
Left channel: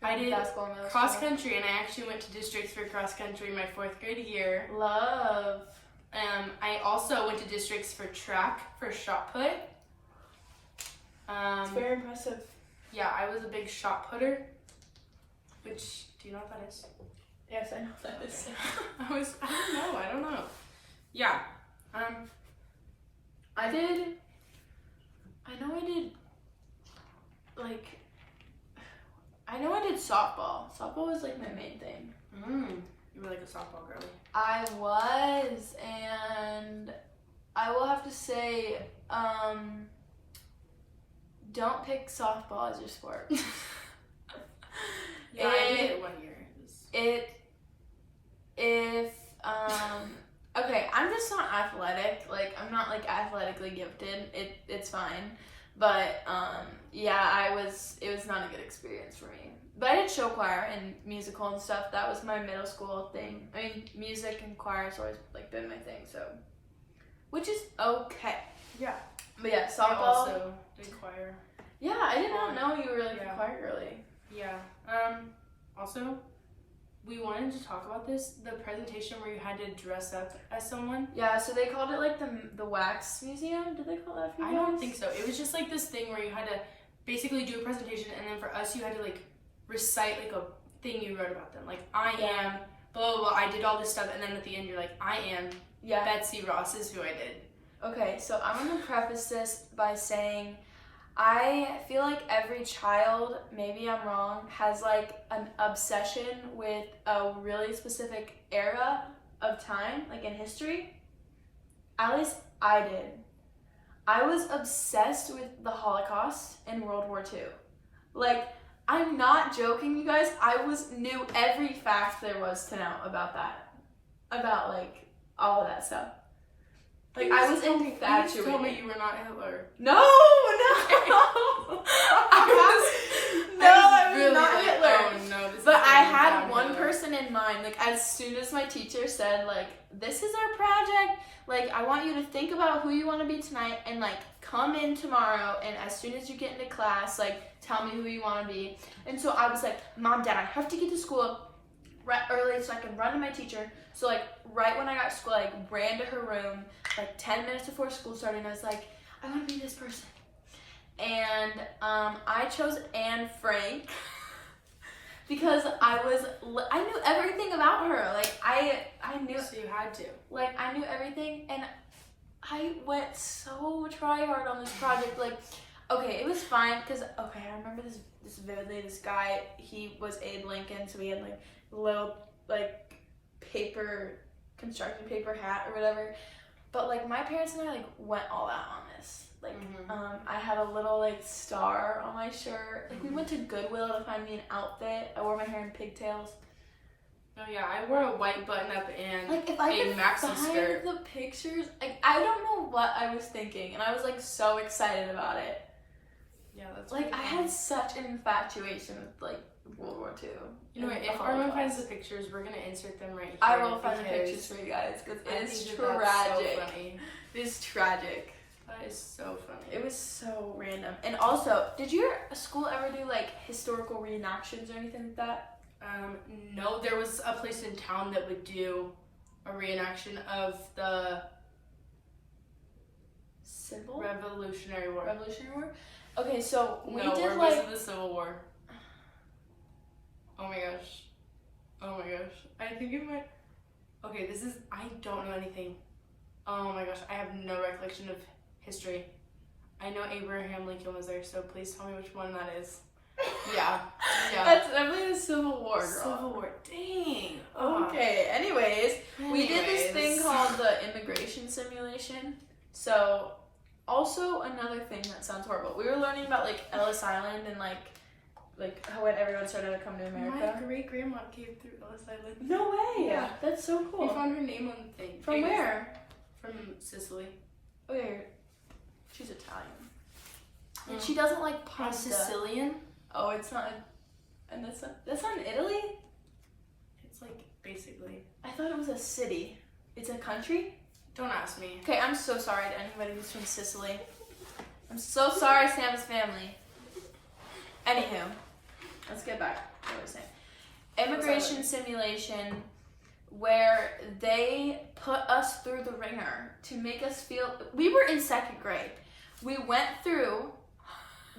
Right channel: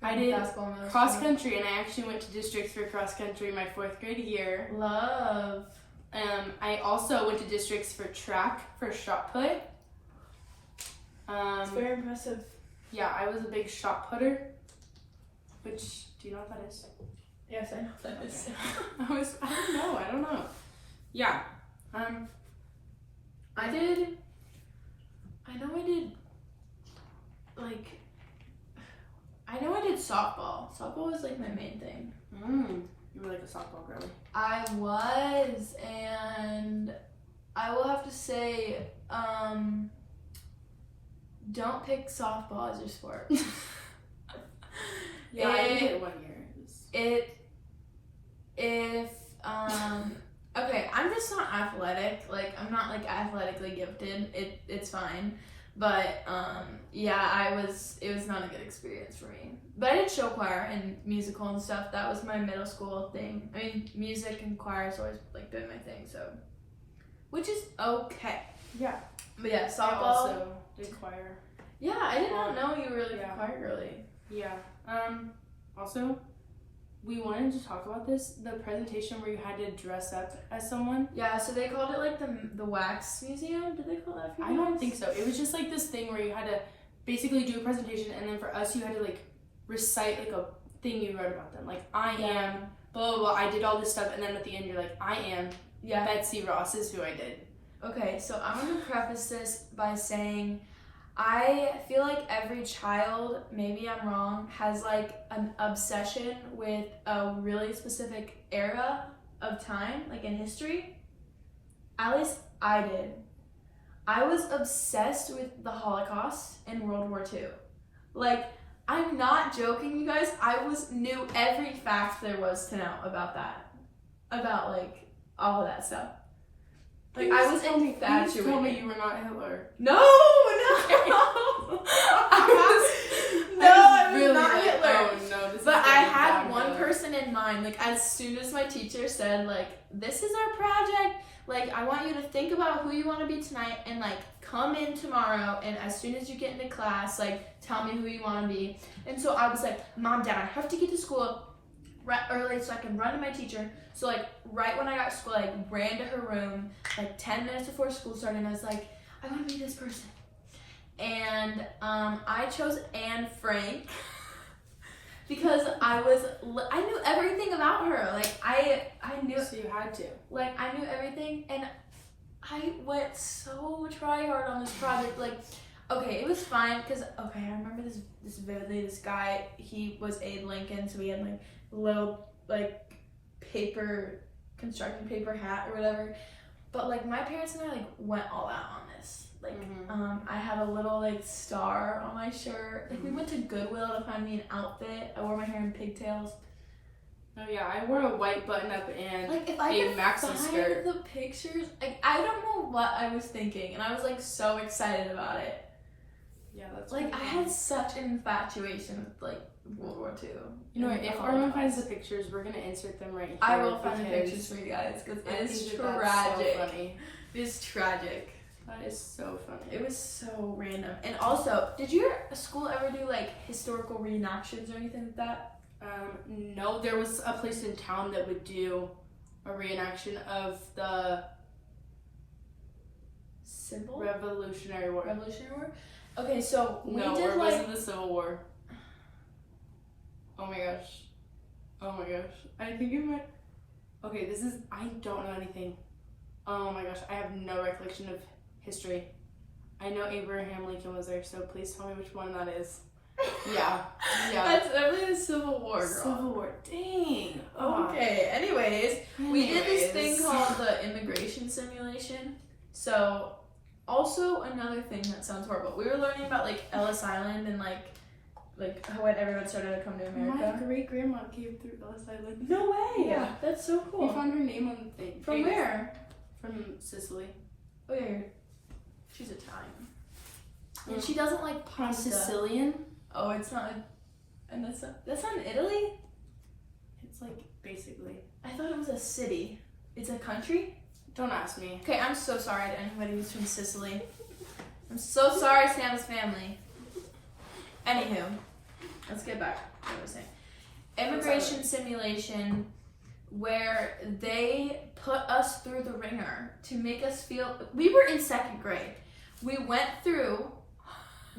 I did basketball in middle cross school. country, and I actually went to districts for cross country my 4th grade year. Love. I also went to districts for track for shot put. It's very impressive. Yeah, I was a big shot putter. Which, do you know what that is? Yes, I know what that is. I don't know. Yeah. I did softball. Softball was like my main thing. You were like a softball girly. I was, and I will have to say, don't pick softball as your sport. Yeah, I did it 1 year. Okay, I'm just not athletic. Like, I'm not like athletically gifted. It's fine. But yeah, it was not a good experience for me. But I did show choir and musical and stuff. That was my middle school thing. I mean, music and choir has always like been my thing, so which is okay. Yeah. But yeah, I softball. also did choir. Yeah, I did not know you were like a choir girly. Yeah. Also, we wanted to talk about this, the presentation where you had to dress up as someone. Yeah, so they called it like the wax museum. Did they call that for you I don't guys? think so. It was just like this thing where you had to basically do a presentation, and then for us you had to like recite like a thing you wrote about them. Like, I am blah blah blah, I did all this stuff, and then at the end you're like, I am Betsy Ross is who I did. Okay, so I'm gonna preface this by saying I feel like every child, maybe I'm wrong, has like an obsession with a really specific era of time, like in history. At least I did. I was obsessed with the Holocaust and World War II. Like, I'm not joking, you guys. I knew every fact there was to know about that. About like all of that stuff. Like, I was infatuated. You told me you were not Hitler. No. I was not Hitler. Oh no, this but is I had one person in mind. Like, as soon as my teacher said, like, this is our project, like, I want you to think about who you want to be tonight and like come in tomorrow, and as soon as you get into class, like, tell me who you want to be. And so I was like, Mom, Dad, I have to get to school right early so I can run to my teacher. So like right when I got to school, I ran to her room like 10 minutes before school started, and I was like, I want to be this person. And I chose Anne Frank because I knew everything about her. Like I knew. So you had to. Like I knew everything, and I went so try hard on this project. Like, okay, it was fine because I remember this vividly. This guy, he was Abe Lincoln, so we had like little like construction paper hat or whatever. But like my parents and I like went all out on this. Like I had a little like star on my shirt. Like we went to Goodwill to find me an outfit. I wore my hair in pigtails. Oh yeah, I wore a white button up and like if I a could maxi find skirt. The pictures, like I don't know what I was thinking, and I was like so excited about it. Yeah, that's like I had such an infatuation with like World War II. You know what? If Armin finds the pictures, we're gonna insert them right here. I will find the pictures for you guys because it's tragic. That's so funny. It's tragic. That is so funny. It was so random. And also, did your school ever do like historical reenactions or anything like that? No, there was a place in town that would do a reenaction of the Revolutionary War. Revolutionary War? Okay, so we no, did or like... was it the Civil War? Oh my gosh. I think it might... Okay, I don't know anything. Oh my gosh, I have no recollection of history. I know Abraham Lincoln was there, so please tell me which one that is. Yeah. That's definitely the Civil War, girl. Civil War. Dang. Okay, anyways, we did this thing called the immigration simulation. So, also another thing that sounds horrible. We were learning about like Ellis Island and like when everyone started to come to America. My great grandma came through Ellis Island. No way. Yeah. That's so cool. We found her name on the thing. From where? From Sicily. Oh yeah. She's Italian. And she doesn't like pasta. Sicilian? Oh, it's not. And that's not in Italy? It's like basically. I thought it was a city. It's a country? Don't ask me. Okay, I'm so sorry to anybody who's from Sicily. I'm so sorry, Sam's family. Anywho, let's get back to what I was saying. Immigration simulation, where they put us through the ringer to make us feel. We were in second grade. We went through.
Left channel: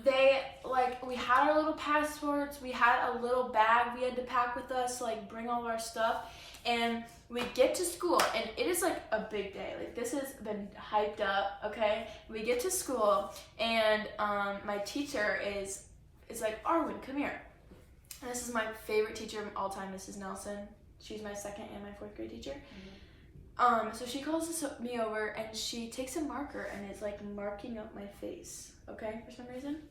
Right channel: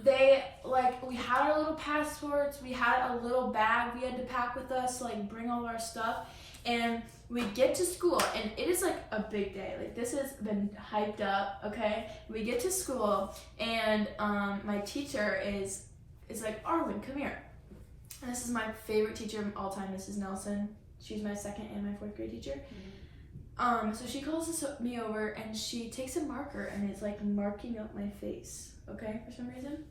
We had our little passports, we had a little bag we had to pack with us, like bring all of our stuff, and we get to school, and it is like a big day. Like this has been hyped up, okay? We get to school, and my teacher is like, Arwen, come here. And this is my favorite teacher of all time, Mrs. Nelson. She's my second and my fourth grade teacher. So she calls me over, and she takes a marker and is like marking up my face, okay, for some reason.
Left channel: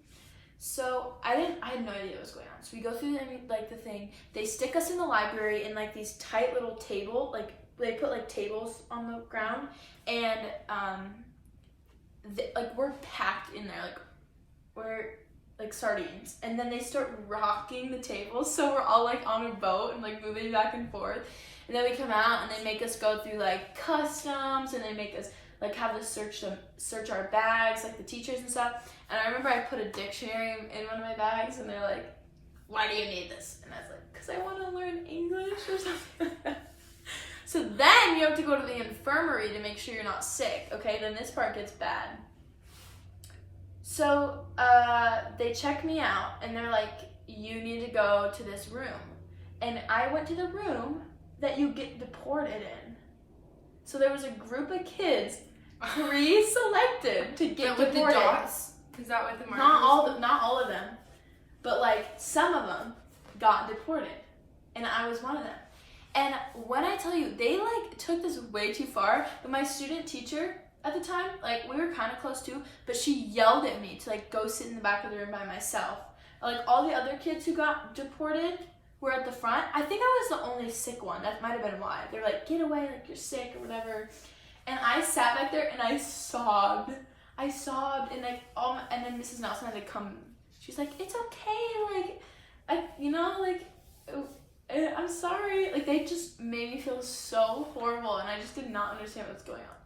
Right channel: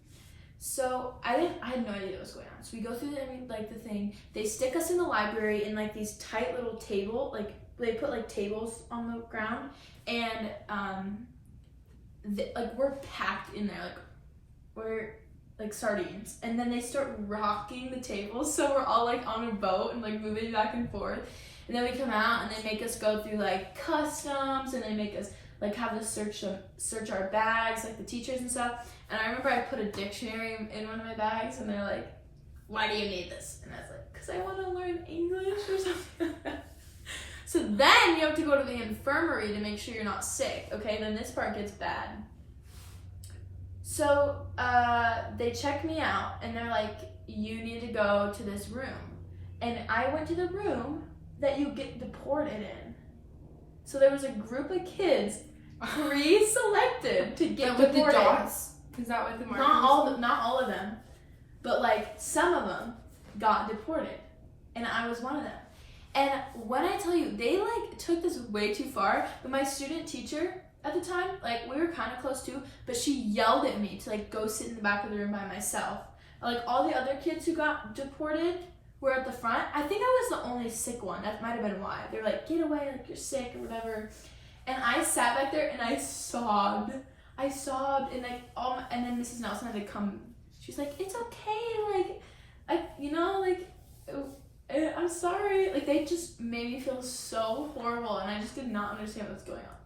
So I had no idea what was going on. So we go through the thing. They stick us in the library in like these tight little table, like they put like tables on the ground, and we're packed in there, like we're like sardines, and then they start rocking the tables, so we're all like on a boat and like moving back and forth. And then we come out and they make us go through like customs, and they make us like have to search our bags, like the teachers and stuff. And I remember I put a dictionary in one of my bags, and they're like, "Why do you need this?" And I was like, "Because I want to learn English or something." So then you have to go to the infirmary to make sure you're not sick. Okay, then this part gets bad. So they check me out, and they're like, "You need to go to this room." And I went to the room that you get deported in. So there was a group of kids pre-selected to get with deported. the dots? Is that what the markers? Not all of them, but like some of them got deported, and I was one of them. And when I tell you, they like took this way too far. But my student teacher at the time, like we were kind of close too, but she yelled at me to like go sit in the back of the room by myself. Like all the other kids who got deported were at the front. I think I was the only sick one. That might have been why. They're like, "Get away, like you're sick or whatever." And I sat back there and I sobbed, and like and then Mrs. Nelson had to come. She's like, "It's okay, I'm sorry." Like they just made me feel so horrible, and I just did not understand what's going on.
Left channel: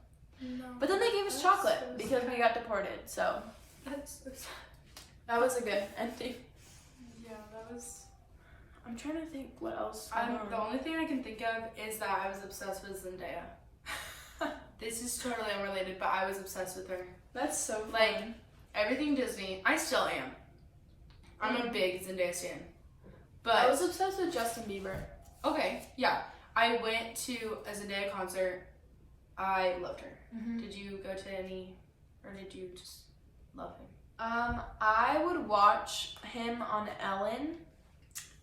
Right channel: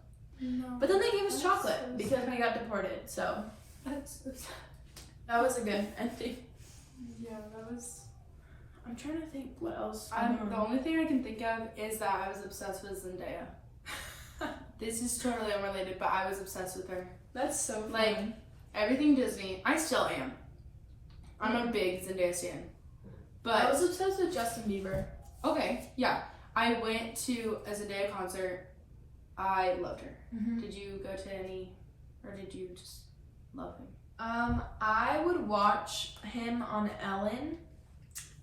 No, but then they gave us chocolate because we got deported. So that's so sad. that was a good ending. Yeah, that was. I'm trying to think what else. The only thing I can think of is that I was obsessed with Zendaya. This is totally unrelated, but I was obsessed with her. That's so fun. Like, everything Disney, I still am. I'm a big Zendaya stan. But I was obsessed with Justin Bieber. Okay, yeah. I went to a Zendaya concert. I loved her. Mm-hmm. Did you go to any, or did you just love him? I would watch him on Ellen,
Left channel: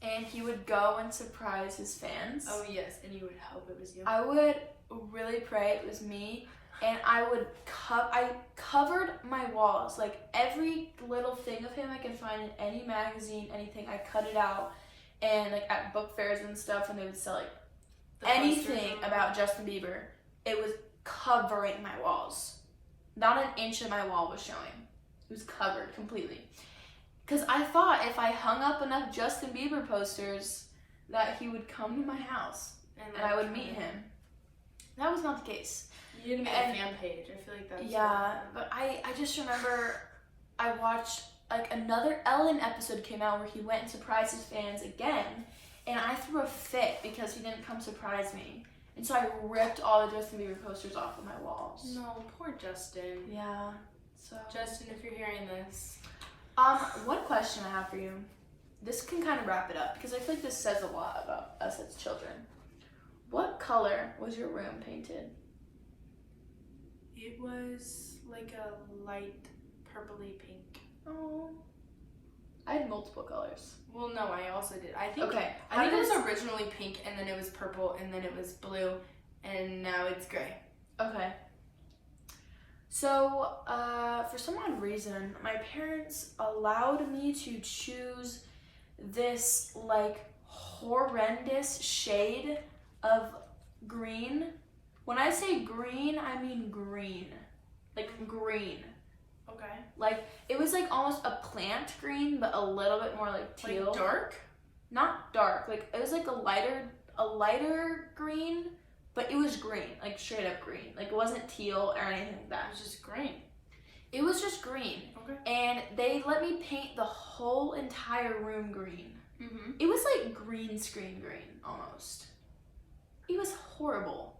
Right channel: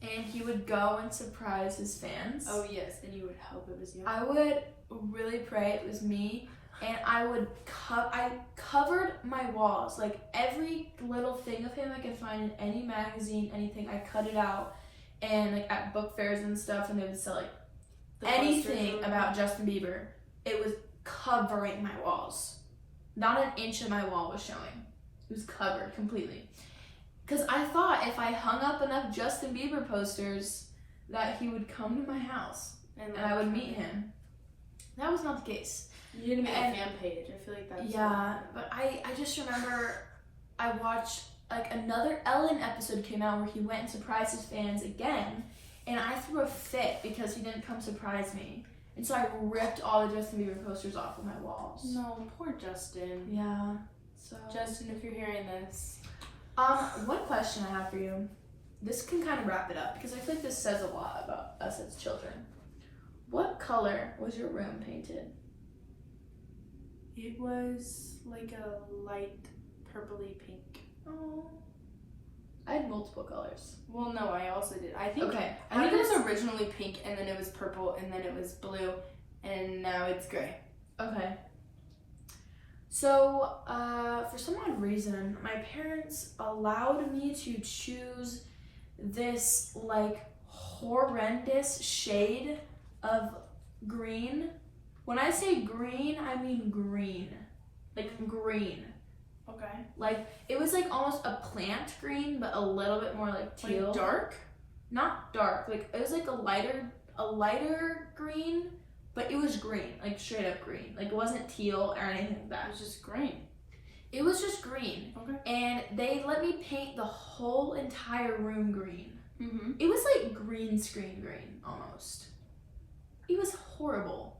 and he would go and surprise his fans. Oh yes, and you would hope it was you. I would really pray it was me, and I would I covered my walls, like every little thing of him I could find in any magazine, anything. I cut it out, and like at book fairs and stuff, when they would sell like anything about Justin Bieber, it was covering my walls. Not an inch of my wall was showing. It was covered completely. Because I thought if I hung up enough Justin Bieber posters that he would come to my house and I would meet him. That was not the case. You didn't make a fan page. I feel like that's... Yeah, but I just remember I watched, like, another Ellen episode came out where he went and surprised his fans again, and I threw a fit because he didn't come surprise me. And so I ripped all the Justin Bieber posters off of my walls. No, poor Justin. Yeah. So Justin, if you're hearing this. One question I have for you. This can kind of wrap it up because I feel like this says a lot about us as children. What color was your room painted? It was like a light purpley pink. Oh. I had multiple colors. Well, no, I also did. I think it was originally pink, and then it was purple, and then it was blue, and now it's gray. Okay. So, for some odd reason, my parents allowed me to choose this, like, horrendous shade of green. When I say green, I mean green. Like, green. Okay. Like, it was, like, almost a plant green, but a little bit more, like, teal. Like, dark? Not dark. Like, it was, like, a lighter green, but it was green. Like, straight up green. Like, it wasn't teal or anything like that. It was just green. It was just green. Okay. And they let me paint the whole entire room green. Mm-hmm. It was like green screen green, almost. It was horrible.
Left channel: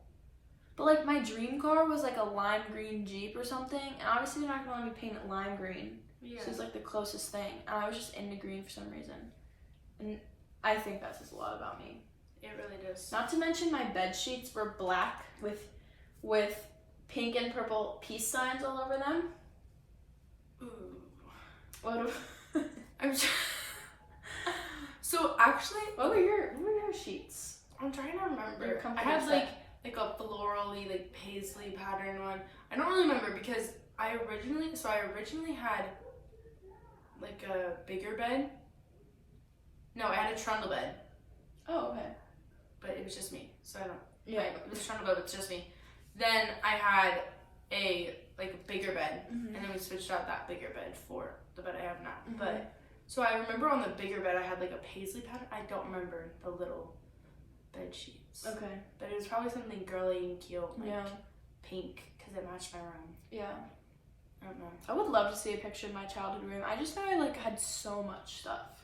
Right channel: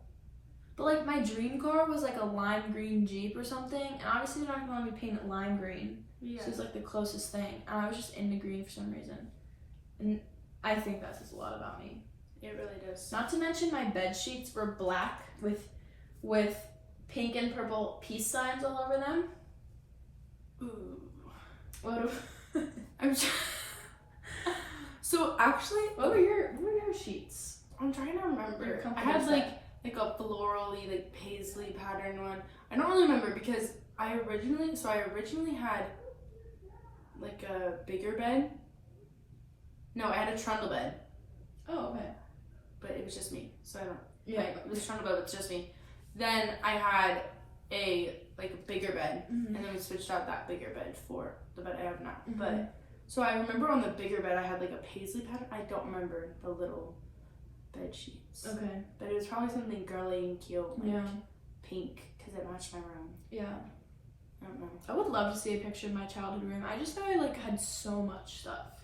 But like my dream car was like a lime green Jeep or something, and obviously they're not gonna let me paint it lime green. Yeah. So it's like the closest thing. And I was just into green for some reason. And I think that says a lot about me. It really does. Not to mention my bed sheets were black with pink and purple peace signs all over them. Ooh. What? I'm So actually, What were your sheets? I'm trying to remember. I had like a florally, like paisley pattern one. I don't really remember because I originally had like a bigger bed. No, I had a trundle bed. Oh, okay. But it was just me, so I don't. Yeah. It was a trundle bed with just me. Then I had a like a bigger bed, and then we switched out that bigger bed for the bed I have now. But so I remember on the bigger bed I had like a paisley pattern. I don't remember the little bed sheets. Okay. But it was probably something girly and cute, like pink, because it matched my room. Yeah. I don't know. I would love to see a picture of my childhood room. I just know I like had so much stuff.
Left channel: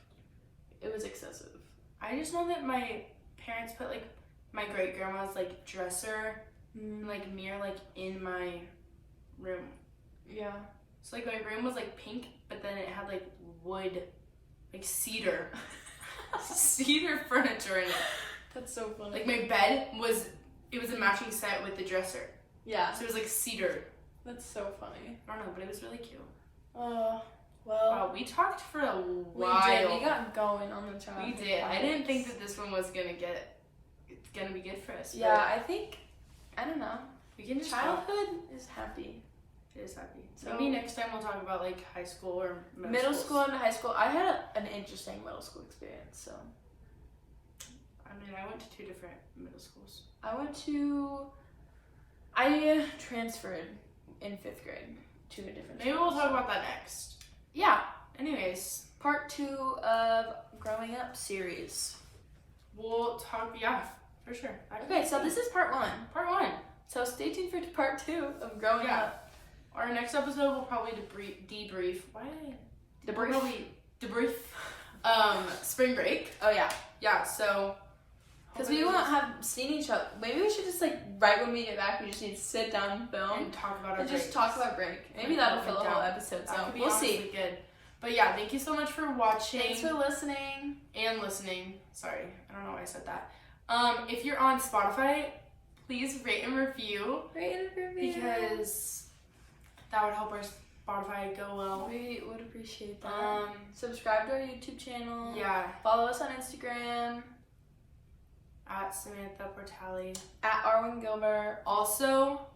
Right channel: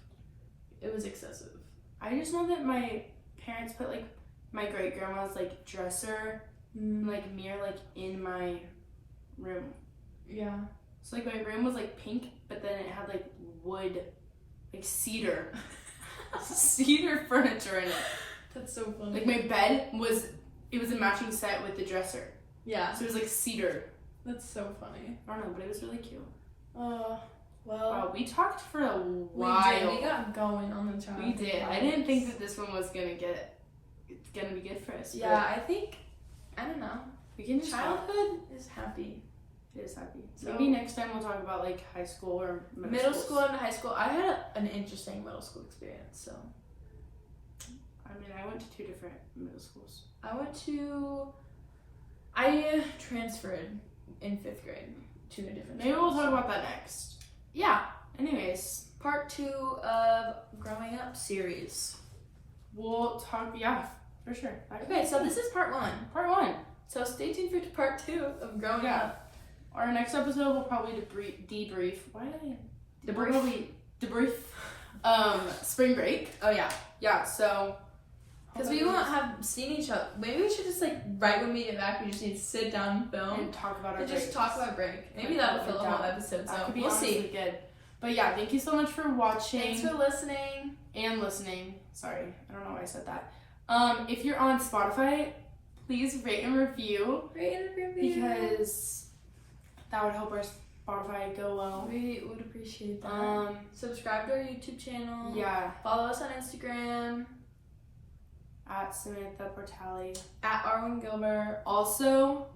It was excessive. I just know that my parents put like my great grandma's like dresser and like mirror like in my room. Yeah. So like my room was like pink, but then it had like wood, like cedar furniture in it. That's so funny. Like my bed was a matching set with the dresser. Yeah. So it was like cedar. That's so funny. I don't know, but it was really cute. Well. Wow, we talked for a while. We did. We got going on the childhood. We did. I didn't think that this one was gonna be good for us. Yeah, I think, I don't know. We can just childhood is happy. It is happy. So maybe next time we'll talk about like high school or middle school and high school. I had an interesting middle school experience. So. I mean, I went to 2 different middle schools. I transferred in 5th grade to a different. Maybe we'll talk about that next. Yeah. Anyways, part 2 of Growing Up series. We'll talk. Yeah, for sure. Okay, so this is part 1. Part 1. So stay tuned for part 2 of Growing Up. Our next episode will probably debrief. Why did I? Debrief. We'll probably debrief. Spring break. Oh yeah. Yeah. So. Because we won't have seen each other. Maybe we should just like right when we get back, we just need to sit down and film and talk about our break. Just talk about break. Maybe that'll fill the whole episode. So we'll see. Good. But yeah, thank you so much for watching. Thanks for listening. And listening. Sorry, I don't know why I said that. If you're on Spotify, please rate and review. Because that would help our Spotify go well. We would appreciate that. Subscribe to our YouTube channel. Yeah. Follow us on Instagram. At Samantha Portali. At Arwen Gilbert. Also,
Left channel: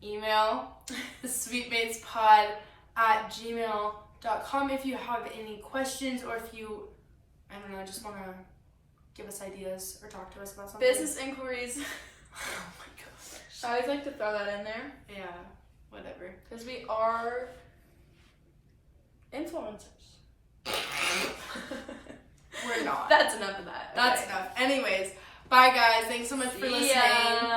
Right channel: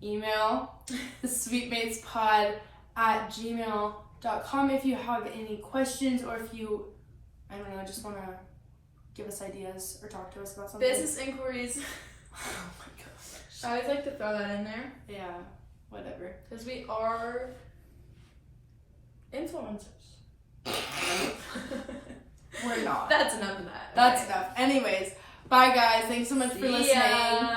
email thesweetmatespod@gmail.com if you have any questions or if you, I don't know, just want to give us ideas or talk to us about something. Business inquiries. Oh my gosh. I always like to throw that in there. Yeah, whatever. Because we are influencers. We're not. That's enough of that. That's enough. Anyways, bye guys. Thanks so much for listening.